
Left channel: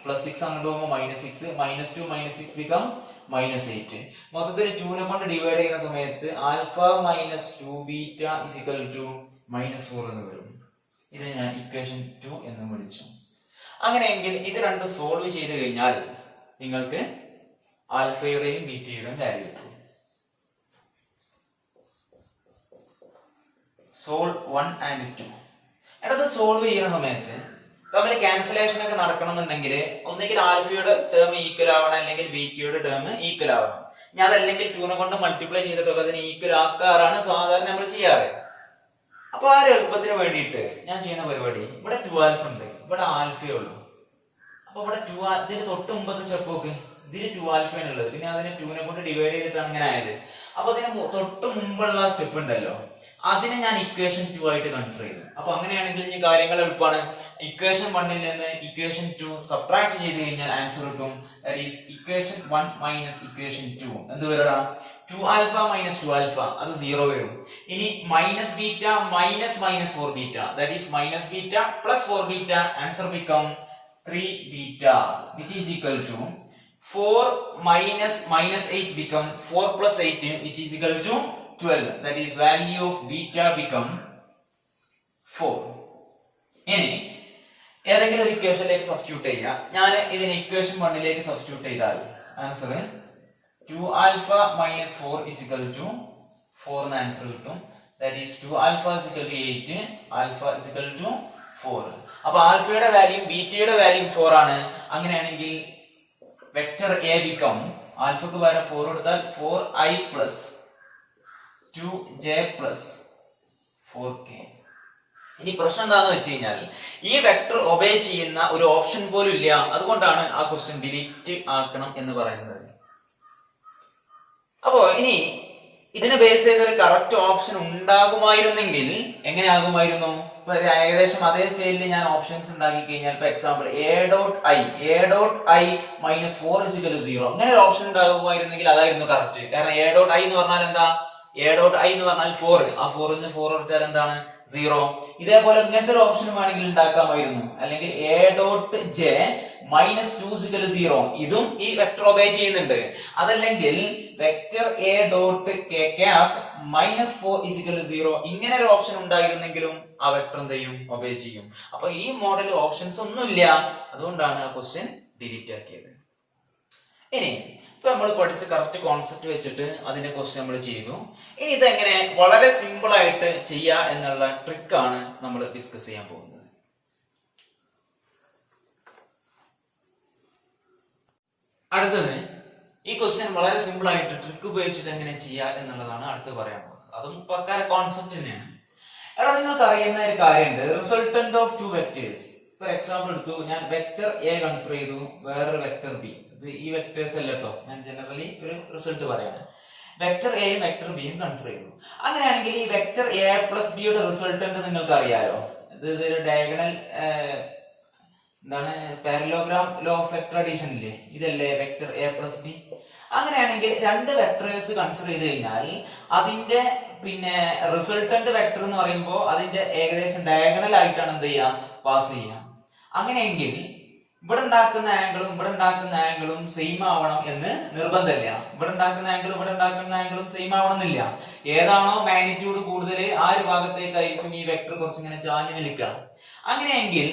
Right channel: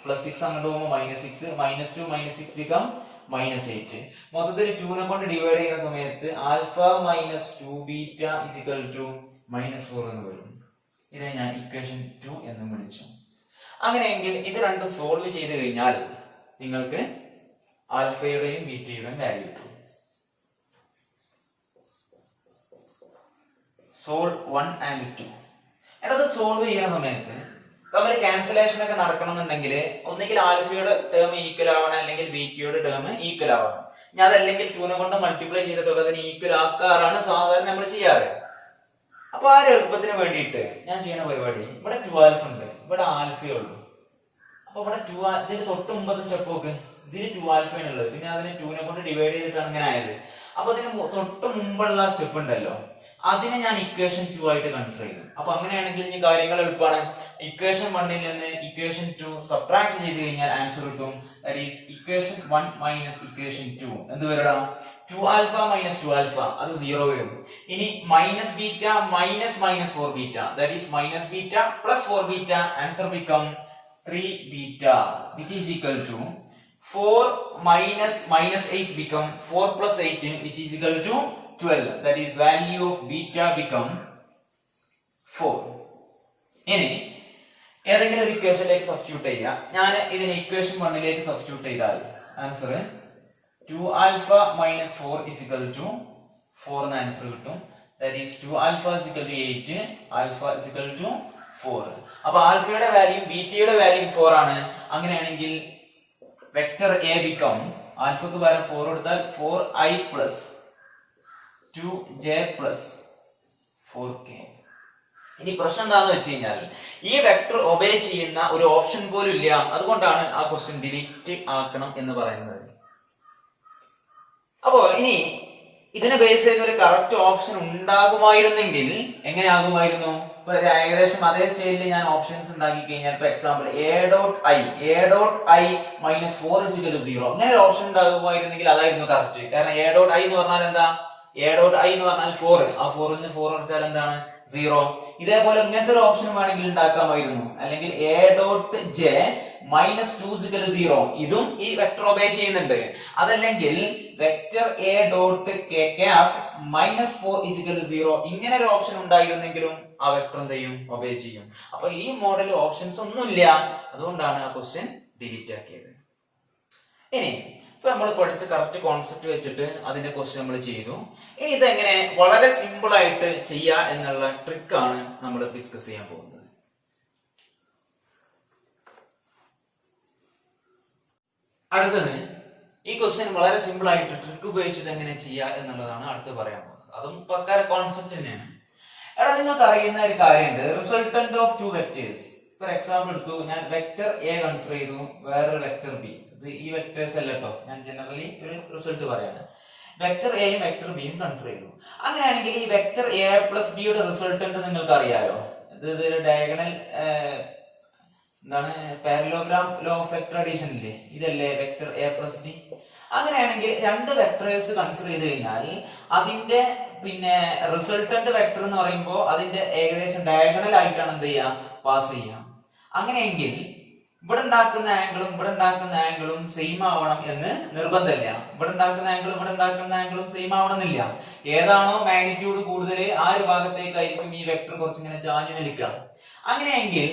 പ്ലസ് 6 അങ്ങോട്ട് പോകുമ്പോൾ -6, -2 -6 become -8. മൊത്തത്തിൽ 2 നെ കൊണ്ട് ഡിവൈഡ് ചെയ്യുന്ന സമയത്ത് alpha -2 beta is equal to -4 എന്ന് വരും. ഇതിനെ ഞാൻ ഇക്വേഷൻ 2 എന്ന് വിളിച്ചു. അങ്ങനെയെങ്കിൽ ഇത് രണ്ടും സോൾവ് ചെയ്ത് കഴിഞ്ഞാൽ നിങ്ങൾക്ക് ആൽഫയുടെയും ബീറ്റയുടെയും വാല്യൂ കിട്ടും. Solve 1 and 2. എടത് സോൾവ് ചെയ്യുന്ന സമയത്ത് തമ്മിൽ ക്യാൻസലേഷൻ ഒക്കെ നടക്കണമെന്നുണ്ടെങ്കിൽ ഒന്നെങ്കിൽ ആൽഫയുടെ ടേം ഈക്വൽ ആവണം, അല്ലെങ്കിൽ ബീറ്റയുടെ ടേം ഈക്വൽ ആവണം. ഞാൻ അതല്ലെങ്കിൽ 2 നെ കൊണ്ട് മൾട്ടിപ്ലൈ ചെയ്തിട്ടൊക്കെ അതിനെ ഈക്വൽ ആക്കാറാണ് സാധാരണ നമ്മൾ ചെയ്യാറ്. അപ്പൊ ആ ഒരു എളുപ്പത്തിന് വേണ്ടിയിട്ട് ഞാൻ ചെയ്യുന്ന പരിപാടി, ഇവിടെ 2 ആൽഫ ഉണ്ട്, ഇവിടെ ആൽഫയേ ഉള്ളൂ. അപ്പൊ ഇവിടെ 2 ഇതിന് തൊട്ട് മുമ്പത്തെ സ്റ്റെപ്പ് ഒക്കെ ഇതിന് 2 ആൽഫയാണ് ഉള്ളത്, പിന്നെ അതിനെ 2 നെ കൊണ്ട് ഡിവൈഡ് ചെയ്തിട്ടാണ് ഇങ്ങനെ ആയത്. അപ്പൊ ഇതിന് തൊട്ട് മുമ്പുള്ള സ്റ്റെപ്പ് ഉണ്ടല്ലോ, അതിനെ ഞാൻ ഇക്വേഷൻ 2 ആയിട്ട് കൺസിഡർ ചെയ്തു. അപ്പൊ അങ്ങനെയാണെങ്കിൽ ഇനി കാര്യങ്ങൾ എളുപ്പമാണ്. ഇക്വേഷൻ 1ൽ നിന്ന് ഇക്വേഷൻ 2 സബ്ട്രാക്ട് ചെയ്ത് കഴിഞ്ഞാൽ ആൻസർ കിട്ടും. That is equation 1 minus equation 2 എന്ത് വരടാ? 2 ആൽഫ മൈനസ് 2 ആൽഫ അത് 0 വരും. ഇനി minus beta minus minus 4 beta that is minus beta plus 4 beta answer become 3 beta which is equal to 4 minus minus 8 become 4 plus 18 which is equal to 12. That is value of beta become 4. ഇനി ഏതെങ്കിലും ഒരു ഇക്വേഷനിലേക്ക് substitute ചെയ്യാം. ഞാൻ ഇതിനെ equation 1ലേക്ക് substitute ചെയ്താൽ answer 2 alpha minus 4 is equal to 4 എന്ന് answer കിട്ടും. That is 2 alpha is equal to 8, alpha is equal to 4. അപ്പോൾ ആൽഫയുടെ വാല്യൂ ബീറ്റയുടെ വാല്യൂ 4 ആണ്. അങ്ങനെയാണെങ്കിൽ വെക്ടർ എ ബിക്കം ആൽഫക്ക് പകരം 4 കൊടുത്താൽ 4i plus 2j plus 4k. ഇനി പ്രശ്നം എന്താണെന്ന് വെച്ച് കഴിഞ്ഞാൽ ഈ വെക്ടർ ഒബേ ചെയ്യുന്ന ഒരു ഓപ്ഷൻ പോലും ഇല്ല. അതുകൊണ്ടാണ് ആ ക്വസ്റ്റ്യൻ ഡിലീറ്റ് ആക്കണം എന്ന് പറയുന്നത്. അപ്പോ ഇനി ഇതിനെ ബേസ് ചെയ്ത ഒരു കറക്റ്റ് ഓപ്ഷൻ ഉണ്ടാകുമായിരുന്നെങ്കിൽ എങ്ങനെ ആകുമായിരുന്നു? ഇപ്പൊ ഏകദേശം അതേ സ്റ്റൈലിൽ ഞാൻ ഓപ്ഷൻസ് ഉണ്ടാക്കി കഴിഞ്ഞാൽ ഇപ്പൊ example A dot I minus 4 is equal to 0 അങ്ങനെ ഒരു ഓപ്ഷൻ ഉണ്ടാകുമായിരുന്നെങ്കിൽ അതായിരുന്നു കറക്റ്റ്. കാരണം എ ഡോട്ട് ഐ എന്ന് പറഞ്ഞാൽ എന്താ? എ ഡോട്ട് ഐ എന്ന് പറഞ്ഞാൽ 4, ആ 4ൽ നിന്ന് 4 കുറച്ചാൽ എന്താണ്? 0. ഇതേപോലെ ഇങ്ങനത്തെ ഒരു ഓപ്ഷൻ വേണമെങ്കിൽ ഉണ്ടാക്കാമായിരുന്നു. അല്ലെങ്കിൽ A dot J minus 2 is equal to 0 ഇതും ഈ വെക്ടർ ഒബേ ചെയ്യുന്നുണ്ട്. അതല്ലെങ്കിൽ vector A dot K cap minus 4 is equal to 0 ഇങ്ങനെ ഒരു ഓപ്ഷൻ ഉണ്ടായിരുന്നെങ്കിലും ആ വെക്ടർ എന്ത് ചെയ്യും? ഒബേ ചെയ്യും. അപ്പൊ ഈ മോഡൽ ഓപ്ഷൻസ് ഒന്നുമില്ല. അതുകൊണ്ടാണ് ആ ക്വസ്റ്റ്യൻ ഡിലീറ്റ് ആക്കിയത്. ഇനി ഇപ്പൊ നമ്മൾ പഠിച്ച കറക്റ്റ് കോൺസെപ്റ്റ് വെച്ചിട്ട് അതിന്റെ ക്വസ്റ്റ്യൻ നമ്മൾ ചെയ്തു. ഇനി ഇതെങ്ങനെ വളരെ സിമ്പിൾ ആയിട്ട് ചെയ്യാ എന്നുള്ള ട്രിക്കാണ് നമ്മൾ ഡിസ്കസ് ചെയ്യാൻ പോകുന്നത്. അടുത്തത് ഈ ക്വസ്റ്റ്യൻ വളരെ സിമ്പിൾ ആയിട്ട് ട്രിക്ക് ഉപയോഗിച്ചിട്ട് എങ്ങനെ ചെയ്യാ എന്നുള്ളതാണ് അടുത്ത് പറയാൻ പോകുന്നത്. അതും പക്കാര കോൺസെപ്റ്റ് തന്നെയാണ്. എടാ നിങ്ങൾക്ക് അറിയുന്ന ഒരു കാര്യമുണ്ട്, resultant of 2 vectors. For example എടുത്തു, ഞാൻ വെക്ടർ എ കൺസിഡർ ചെയ്തു, വേറൊരു വെക്ടർ ബി. ഇത് ഈ വെക്ടേഴ്സ് അല്ല കേട്ടോ, ഞാൻ ജനറലി ഒരു റിസൾട്ട് പറയാണ്. വെക്ടർ എയും വെക്ടർ ബിയും കൺസിഡർ ചെയ്തു. അങ്ങനെയാണെങ്കിൽ ഈ വെക്ടർ എ പ്ലസ് ബിയുടെ റിസൾട്ടന്റ് നിങ്ങൾക്ക് അറിയാലോ. ഇത് ഡയഗണൽ എന്താണ് parallelogram law of vector addition ഇല്ലേ, ഇതല്ലേ വെക്ടർ എ പ്ലസ് ബി. അങ്ങനെയാണെങ്കിൽ രണ്ട് വെക്ടേഴ്സ് കൺസിഡർ ചെയ്ത് കഴിഞ്ഞാൽ അതിന്റെ റിസൾട്ടന്റ് വെക്ടർ എന്ന് പറയുമ്പോൾ അതിന്റെ ഏകദേശം ഡയഗണൽ ആയിട്ടാണ് എന്ത് ചെയ്യുക? പാസ് ചെയ്യാം. അങ്ങനെയെങ്കിൽ ഇവിടെ ഉണ്ടാക്കുന്ന ആംഗിളും സെയിം ആവണം എന്ന് നിർബന്ധമില്ല. ഇവിടെ ഉണ്ടാക്കുന്ന ആംഗിളും സെയിം ആവണമെന്നില്ല. ഏതാണോ മാഗ്നിറ്റ്യൂഡ് കൂടുതൽ ആ ഒരു ഭാഗത്തേക്കായിരിക്കും ഈ വെക്ടർ കുറച്ചിങ്ങനെ ചാഞ്ഞു നിൽക്കുക. അങ്ങനെയെങ്കിൽ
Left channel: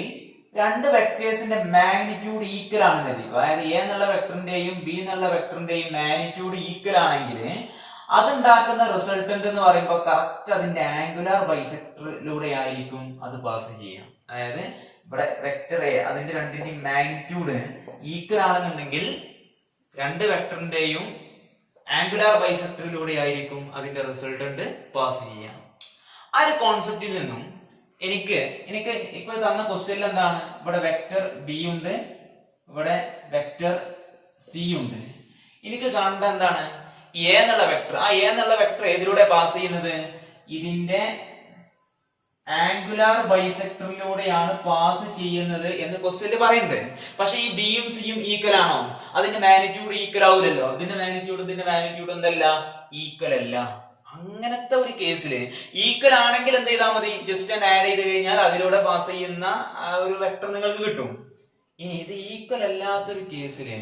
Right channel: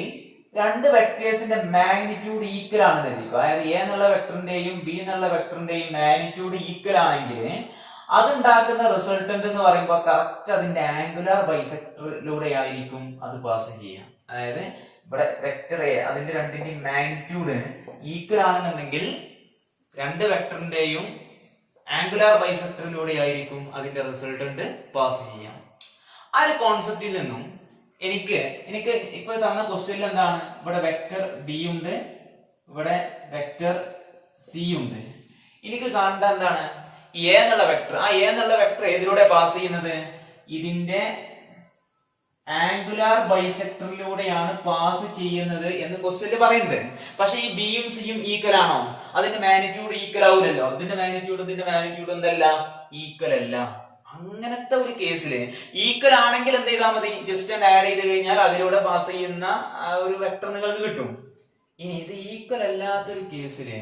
രണ്ട് വെക്ടേഴ്സിന്റെ മാഗ്നിറ്റ്യൂഡ് ഈക്വൽ ആണെന്ന് എഴുതിക്കുക. അതായത് എ എന്നുള്ള വെക്ടറിന്റെയും ബി എന്നുള്ള വെക്ടറിന്റെയും മാഗ്നിറ്റ്യൂഡ് ഈക്വൽ ആണെങ്കിൽ അതുണ്ടാക്കുന്ന റിസൾട്ടന്റ് എന്ന് പറയുമ്പോൾ കറക്റ്റ് അതിന്റെ ആംഗുലാർ ബൈസെക്ടറിലൂടെ ആയിരിക്കും അത് പാസ് ചെയ്യാം. അതായത് ഇവിടെ വെക്ടർ എ അതിന്റെ രണ്ടിന്റെയും മാഗ്നിറ്റ്യൂഡ് ഈക്വൽ ആണെന്നുണ്ടെങ്കിൽ രണ്ട് വെക്ടറിന്റെയും ആംഗുലാർ ബൈസെക്ടറിലൂടെ ആയിരിക്കും അതിന്റെ റിസൾട്ടന്റ് പാസ് ചെയ്യാം. ആ ഒരു കോൺസെപ്റ്റിൽ നിന്നും എനിക്ക് ഇപ്പൊ തന്ന ക്വസ്റ്റ്യനിൽ എന്താണ്? ഇവിടെ വെക്ടർ ബി ഉണ്ട്, ഇവിടെ വെക്ടർ സി ഉണ്ട്. എനിക്ക് കാണേണ്ട എന്താണ്? എ എന്നുള്ള വെക്ടർ. ആ എ എന്നുള്ള വെക്ടർ ഏതിലൂടെ പാസ് ചെയ്യുന്നത്? ഇതിന്റെ ആംഗുലാർ ബൈസെക്ടറിലൂടെയാണ് പാസ് ചെയ്യുന്നത് എന്ന് ക്വസ്റ്റ്യനിൽ പറയുന്നുണ്ട്. പക്ഷെ ഈ ബിയും സിയും ഈക്വൽ ആണോ? അതിന്റെ മാഗ്നിറ്റ്യൂഡ് ഈക്വൽ ആവില്ലല്ലോ. ഇതിന്റെ മാഗ്നിറ്റ്യൂഡ് എന്തല്ല? ഈക്വൽ അല്ല. അങ്ങനത്തെ ഒരു കേസില് ഈക്വൽ ആണെങ്കിൽ എന്ത് ചെയ്താൽ മതി? ജസ്റ്റ് ആഡ് ചെയ്ത് കഴിഞ്ഞാൽ അതിലൂടെ പാസ് ചെയ്യുന്ന ഒരു വെക്ടർ നിങ്ങൾക്ക് കിട്ടും. ഇനി ഇത് ഈക്വൽ അല്ലാത്തൊരു കേസില്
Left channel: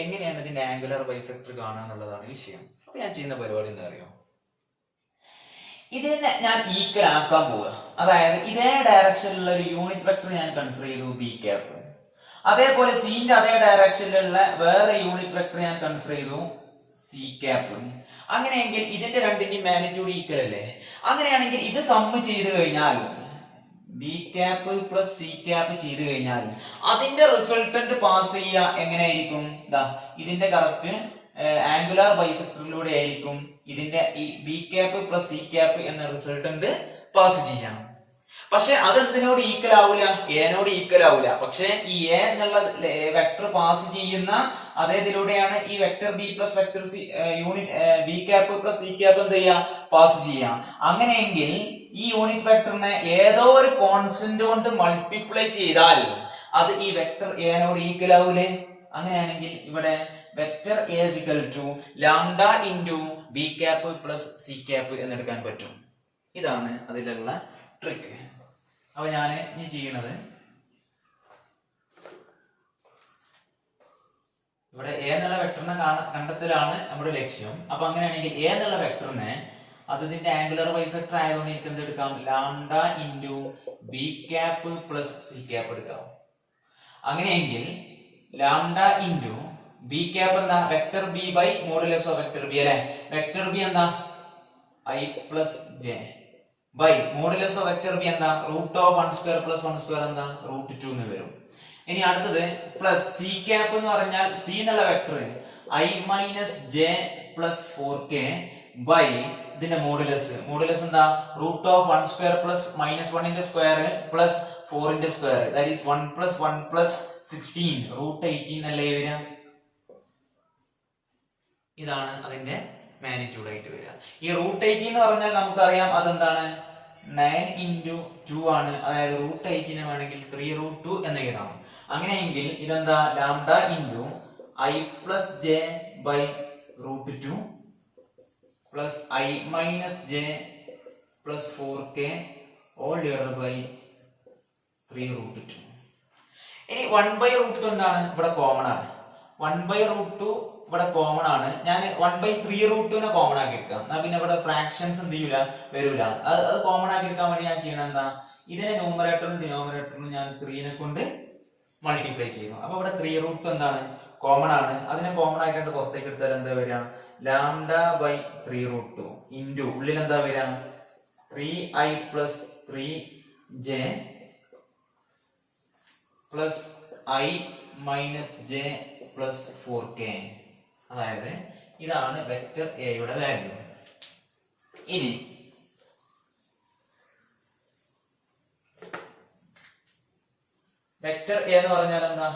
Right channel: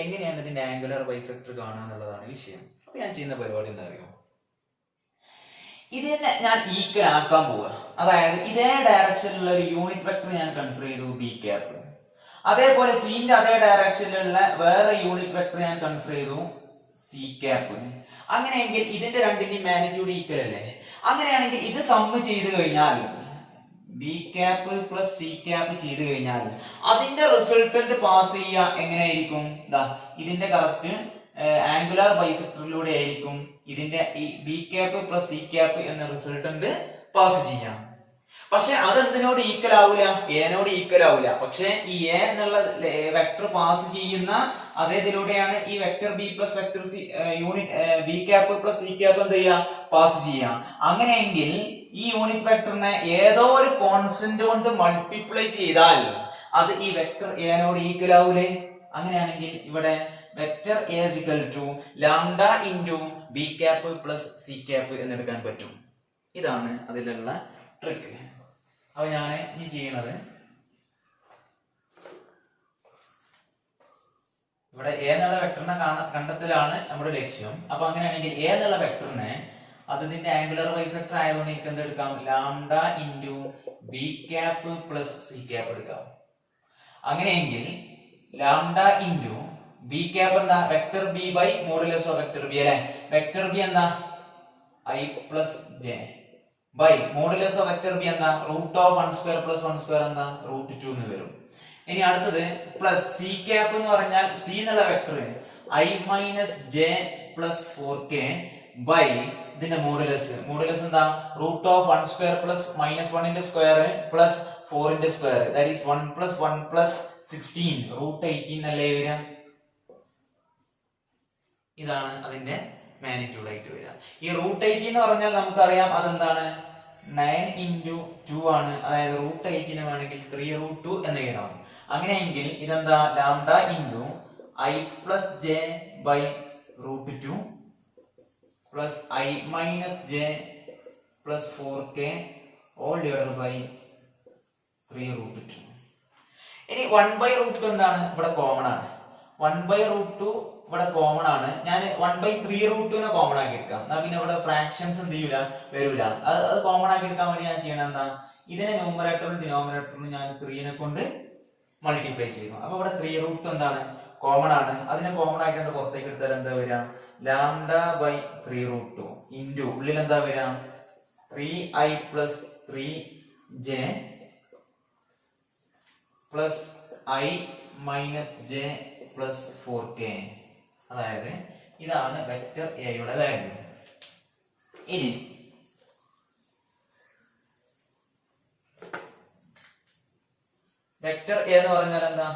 എങ്ങനെയാണ് ഇതിന്റെ ആംഗുലാർ ബൈസെക്ടർ കാണുക എന്നുള്ളതാണ് വിഷയം. അപ്പൊ ഞാൻ ചെയ്യുന്ന പരിപാടി എന്താ അറിയോ? ഇതിനെ ഞാൻ ഈക്വൽ ആക്കാൻ പോവുക. അതായത് ഇതേ ഡയറക്ഷനിലുള്ള ഒരു യൂണിറ്റ് വെക്ടർ ഞാൻ കൺസിഡർ ചെയ്തു ബി ക്യാപ്പ്. അതേപോലെ സിന്റെ അതേ ഡയറക്ഷനിലുള്ള വേറെ യൂണിറ്റ് വെക്ടർ ഞാൻ കൺസിഡർ ചെയ്തു സി ക്യാപ്പ്. അങ്ങനെയെങ്കിൽ ഇതിന്റെ രണ്ടിന്റെയും മാഗ്നിറ്റ്യൂഡ് ഈക്വൽ അല്ലേ? അങ്ങനെയാണെങ്കിൽ ഇത് സമ്മ് ചെയ്ത് കഴിഞ്ഞാൽ B cap plus C cap ചെയ്ത് കഴിഞ്ഞാൽ അതിന്റെ റിസൾട്ടന്റ് പാസ് ചെയ്യുക എങ്ങനെയായിരിക്കും? ഇതിന്റെ കറക്റ്റ് ആംഗുലാർ ബൈസെക്ടറിലൂടെ ആയിരിക്കും ഇതിന്റെ ഈ B cap plus C cap എന്ന റിസൾട്ടന്റ് പാസ് ചെയ്യാം. പക്ഷെ അതെന്തിനോട് ഈക്വൽ ആവൂല? എനോട് ഈക്വൽ ആവൂല. പക്ഷെ ഈ എ എന്നുള്ള വെക്ടർ പാസ് ചെയ്യുന്ന അതേതിലൂടെയാണ് ഈ vector B plus vector C unit B cap plus C cap എന്ത് ചെയ്യാ? പാസ് ചെയ്യാം. അങ്ങനെയെങ്കിൽ ഈ യൂണിറ്റ് വെക്ടറിനെ ഏതോ ഒരു കോൺസ്റ്റന്റ് കൊണ്ട് മൾട്ടിപ്ലൈ ചെയ്താൽ അത് ഈ വെക്ടർ എനോട് ഈക്വൽ ആവൂലേ? അങ്ങനെയാണെങ്കിൽ ഇവിടെ vector A is equal to lambda into B cap plus C cap എന്നെടുക്കാൻ പറ്റും. ഇതാണ് അതിലുള്ള ട്രിക്ക്. അപ്പൊ ഞാൻ ഇനി ചെയ്യണത് ഇവിടെ എ എന്നുള്ള വെക്ടറിനെ കണ്ടെത്തലാണ് നമ്മുടെ ലക്ഷ്യം. അപ്പൊ അങ്ങനെയാണെങ്കിൽ എ എന്നുള്ള വെക്ടറിനെ അതിന്റെ ആംഗുലർ ബൈസെക്ടർ ആയതുകൊണ്ട് എനിക്ക് എന്ത് എടുക്കാം, lambda into B cap plus C cap എടുക്കാം. അങ്ങനെയെങ്കിൽ ലാംഡ ഇൻറ്റു ബി ക്യാപ്പ് എന്താ, vector B by modulus of vector B അല്ലെ. വെക്ടർ ബി എന്താ I plus J by modulus of vector B എന്താ root of 1 square plus 1 square എന്താ root 2 എന്ന് വരും. ഇനി അടുത്തത് പ്ലസ് സി ക്യാപ്പ് എന്ന് പറഞ്ഞാൽ സി എന്നുള്ള vector I minus J plus 4k by ഇതിന്റെ മോഡുലസ് എന്താ root of 1 square plus minus 1 square plus 4 square, that is 1 plus 1 plus 16 root 18 അല്ലേ വരിക. ഇതാണ് അതിന്റെ മാഗ്നിറ്റ്യൂഡ് ആയിട്ട് വരിക. ഈ റൂട്ട് 18 എന്ന് പറഞ്ഞാൽ നമുക്കറിയാം അതെന്താണ് 9 ഇൻറ്റു 2 ആണ്. അതായത് റൂട്ട് 18 വേണമെങ്കിൽ 3 റൂട്ട് 2 എന്ന് എഴുതാം. അങ്ങനെയെങ്കിൽ ഇതെന്താ lambda into I plus J by root 2 plus I minus J plus 4k all divided by 3 root 2. ഇനി 1 ബൈ റൂട്ട് 2 എന്താണ് ഇവിടെ കോമൺ ആണ്. 1 ബൈ റൂട്ട് 2 ഇവിടെ കോമൺ ആണ്. ഞാൻ 1 ബൈ 3 റൂട്ട് 2 കോമൺ ആക്കി എടുക്കാം. പിന്നെ ഇവിടെ ഫ്രാക്ഷൻസ് എന്ത് ചെയ്യൂല, വരൂല. അത് കോമൺ ആക്കി എടുക്കാൻ വേണ്ടി ഞാൻ ചെയ്യണം എന്താ, ഇതിനെ ന്യൂമറേറ്ററും ഡിനോമിനേറ്ററും ഞാൻ 3 കൊണ്ട് മൾട്ടിപ്ലൈ ചെയ്യും. അപ്പൊ ഇവിടെ 3 റൂട്ട് എന്താണ് കോമൺ ആണ്. അതിനെ കോമൺ ആക്കിയിട്ട് പുറത്തേക്ക് എടുത്താൽ എന്താ വരിക, ലാംഡ ബൈ 3 റൂട്ട് 2 ഇൻറ്റു ഉള്ളിൽ എന്താ വരിക 3i plus 3j plus I minus J plus 4k. അതായത് ഇതാണ് വെക്ടർ എയുടെ വാല്യൂ. ഇനി വെക്ടർ എ എന്ന് പറഞ്ഞാൽ എന്താ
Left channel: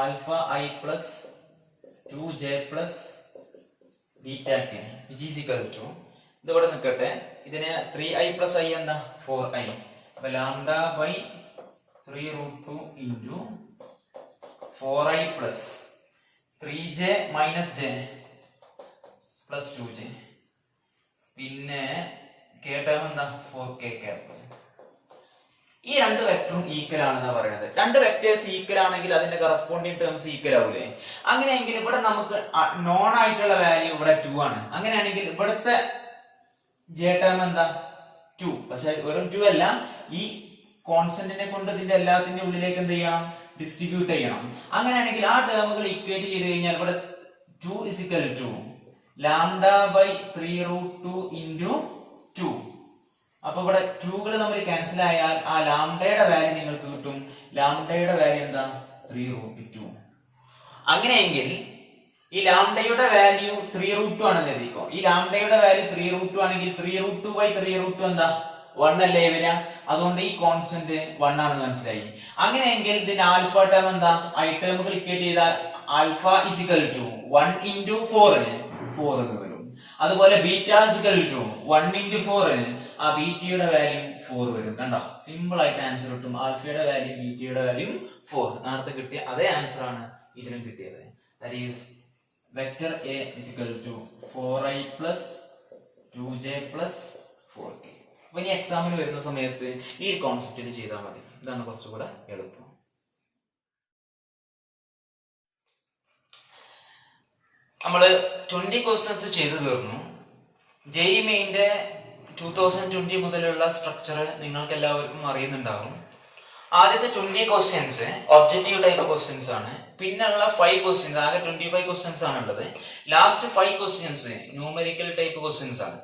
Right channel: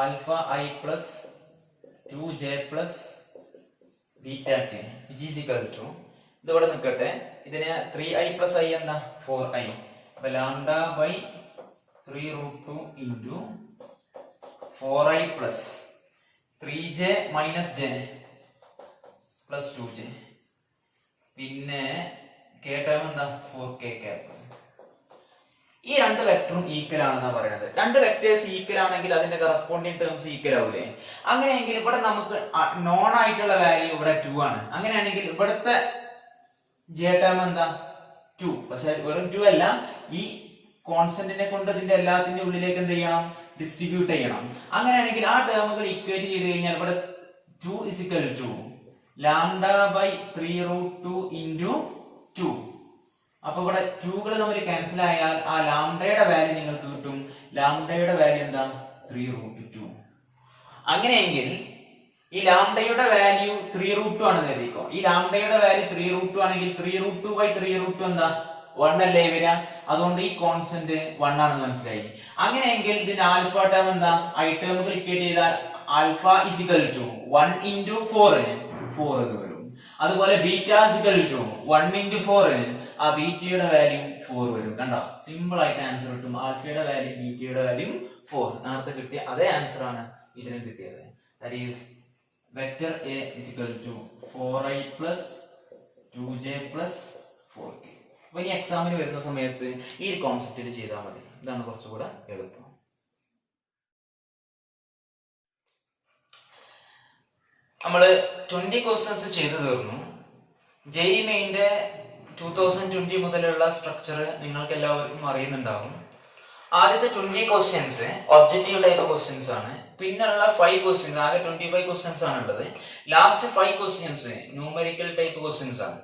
alpha I plus 2j plus beta k which is equal to ഇതിവിടെ നിൽക്കട്ടെ. ഇതിന് 3i പ്ലസ് ഐ എന്താ 4i. അപ്പൊ lambda by 3 root 2 into 4i plus 3j minus J plus 2j പിന്നെ k ടേം എന്താ 4k ക്യാപ്പ്. ഈ രണ്ട് വെക്ടറും ഈക്വൽ ആണെന്നാ പറയുന്നത്. രണ്ട് വെക്ടേഴ്സ് ഈക്വൽ ആണെങ്കിൽ അതിന്റെ കറസ്പോണ്ടിങ് ടേംസ് ഈക്വൽ ആവൂലേ. അങ്ങനെയെങ്കിൽ ഇവിടെ നമുക്ക് നോൺ ആയിട്ടുള്ള വാല്യൂ ഇവിടെ 2 ആണ്. അങ്ങനെയാണെങ്കിൽ ഇവിടുത്തെ ജെ ടേം എന്താ 2. പക്ഷെ വെറും 2 അല്ല, ഈ കോൺസ്റ്റന്റിനെ കൊണ്ട് ഇതിന്റെ എല്ലാത്തിന്റെ ഉള്ളിലേക്ക് എന്ത് ചെയ്യണം, ഡിസ്ട്രിബ്യൂട്ട് ചെയ്യണം. അങ്ങനെയാണെങ്കിൽ ആ ടേമുകൾ ഇക്വേറ്റ് ചെയ്ത് കഴിഞ്ഞാൽ ഇവിടെ 2 is equal to lambda by 3 root 2 into 2. അപ്പൊ ഇവിടെ 2കൾ തമ്മിൽ ക്യാൻസൽ ആയാൽ ആ ലാംഡയുടെ വാല്യൂ നിങ്ങൾക്ക് കിട്ടും. ലാംഡയുടെ വാല്യൂ എന്താ 3 റൂട്ട് 2. അങ്ങനെയെങ്കിൽ ഈ ലാംഡയുടെ വാല്യൂ 3 റൂട്ട് 2 ആണെന്ന് എഴുതിക്കോ. ഈ ലാംഡയുടെ വാല്യൂ 3 റൂട്ട് 2 ആണെങ്കിൽ 3 റൂട്ട് 2 ബൈ 3 റൂട്ട് 2 എന്താ 1 അല്ലേ വരിക. അതുകൊണ്ട് ഈ കോൺസ്റ്റന്റ് 1 ആണെന്ന് മനസ്സിലായി. അങ്ങനെയെങ്കിൽ ഇതിന്റെ ആൽഫ ടേം എന്താ, ഐ ടേമുകൾ ഇക്വേറ്റ് ചെയ്താൽ alpha is equal to 1 into 4 എന്ന് വരും. അതുപോലെ beta is equal to 1 into 4, ആ ബീറ്റയുടെ വാല്യൂ 4 വരും. കണ്ടോ, സിമ്പിൾ ആയിട്ട് ആൻസർ കിട്ടും. ആൽഫയുടെ വാല്യൂ ബീറ്റയുടെ വാല്യൂ 4. നേരത്തെ കിട്ടിയ അതേ ആൻസർ ആണ് ഇതിനും കിട്ടിയത്. That is vector A is equal to 4i plus 2j plus 4k. അപ്പൊ ഇനി എക്സാമിന് വരുന്ന സമയത്ത് ഈ ഒരു കോൺസെപ്റ്റിൽ ചെയ്താൽ മതി. ഇതാണ് കുറച്ചുകൂടെ എളുപ്പം. നമ്മള് 20 ക്വസ്റ്റ്യൻസ് ചെയ്തു തീർന്നു. ജെഇ മെയിന്റെ 2020 മുതലുള്ള സ്ട്രക്ചർ നിങ്ങൾക്ക് എല്ലാവർക്കും അറിയുന്നുണ്ടാകും. ആദ്യത്തെ 20 ക്വസ്റ്റ്യൻസ് ഒബ്ജക്റ്റീവ് ടൈപ്പ് ക്വസ്റ്റ്യൻസ് ആണ്. പിന്നെയുള്ള 5 ക്വസ്റ്റ്യൻസ്, ആകെ 25 ക്വസ്റ്റ്യൻസ് ആണ് ഉള്ളത്. Last 5 questions numerical type questions ആണ്.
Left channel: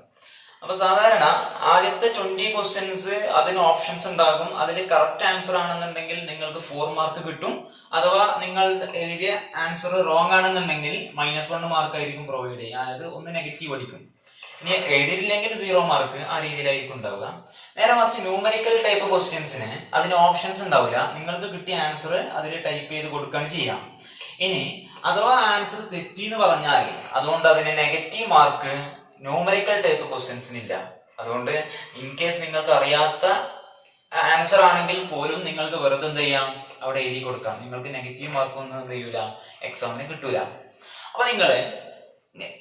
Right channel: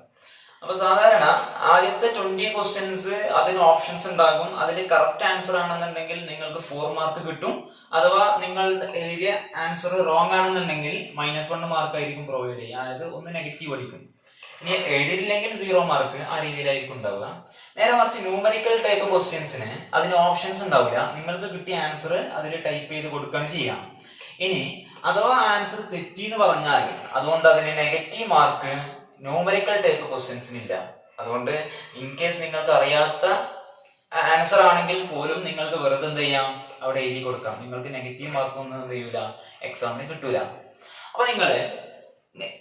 അപ്പൊ സാധാരണ ആദ്യത്തെ 20 ക്വസ്റ്റ്യൻസ് അതിന് ഓപ്ഷൻസ് ഉണ്ടാകും. അതിൽ കറക്റ്റ് ആൻസർ ആണെന്നുണ്ടെങ്കിൽ നിങ്ങൾക്ക് 4 മാർക്ക് കിട്ടും. അഥവാ നിങ്ങൾ എഴുതിയ ആൻസർ റോങ് ആണെന്നുണ്ടെങ്കിൽ -1 മാർക്ക് ആയിരിക്കും പ്രൊവൈഡ് ചെയ്യുക. അതായത് ഒന്ന് നെഗറ്റീവ് അടിക്കും. ഇനി എഴുതിയില്ലെങ്കിൽ 0 മാർക്ക്, ആ രീതിയിലായിരിക്കും ഉണ്ടാവുക. നേരെ മറിച്ച് ന്യൂമറിക്കൽ ടൈപ്പ് ക്വസ്റ്റ്യൻസിന് അതിന് ഓപ്ഷൻസ് ഉണ്ടാവില്ല. നിങ്ങൾക്ക് കിട്ടിയ ആൻസർ അതിൽ ടൈപ്പ് ചെയ്ത് കൊടുക്കുകയാണ് ചെയ്യാം. ഇനി അഥവാ ആൻസർ തെറ്റി എന്ന് പറഞ്ഞാൽ അതുകൊണ്ട് അതിന് നെഗറ്റീവ് മാർക്ക് ന്യൂമറിക്കൽ ടൈപ്പ് ക്വസ്റ്റ്യൻസിന് ഇല്ല. അതുകൊണ്ട് ഇൻ കേസ് നിങ്ങൾക്ക് അറിയാത്ത ആൻസർ ആണെങ്കിൽ പോലും നിങ്ങൾക്ക് വെറുതെ എന്ത് ചെയ്യാം, അവിടെ എഴുതി കൊടുക്കാം. നിങ്ങൾക്ക് നെഗറ്റീവ് മാർക്കൊന്നും എന്ത് ചെയ്യൂല, എക്സാമിന് കിട്ടൂല. അപ്പൊ നിങ്ങൾ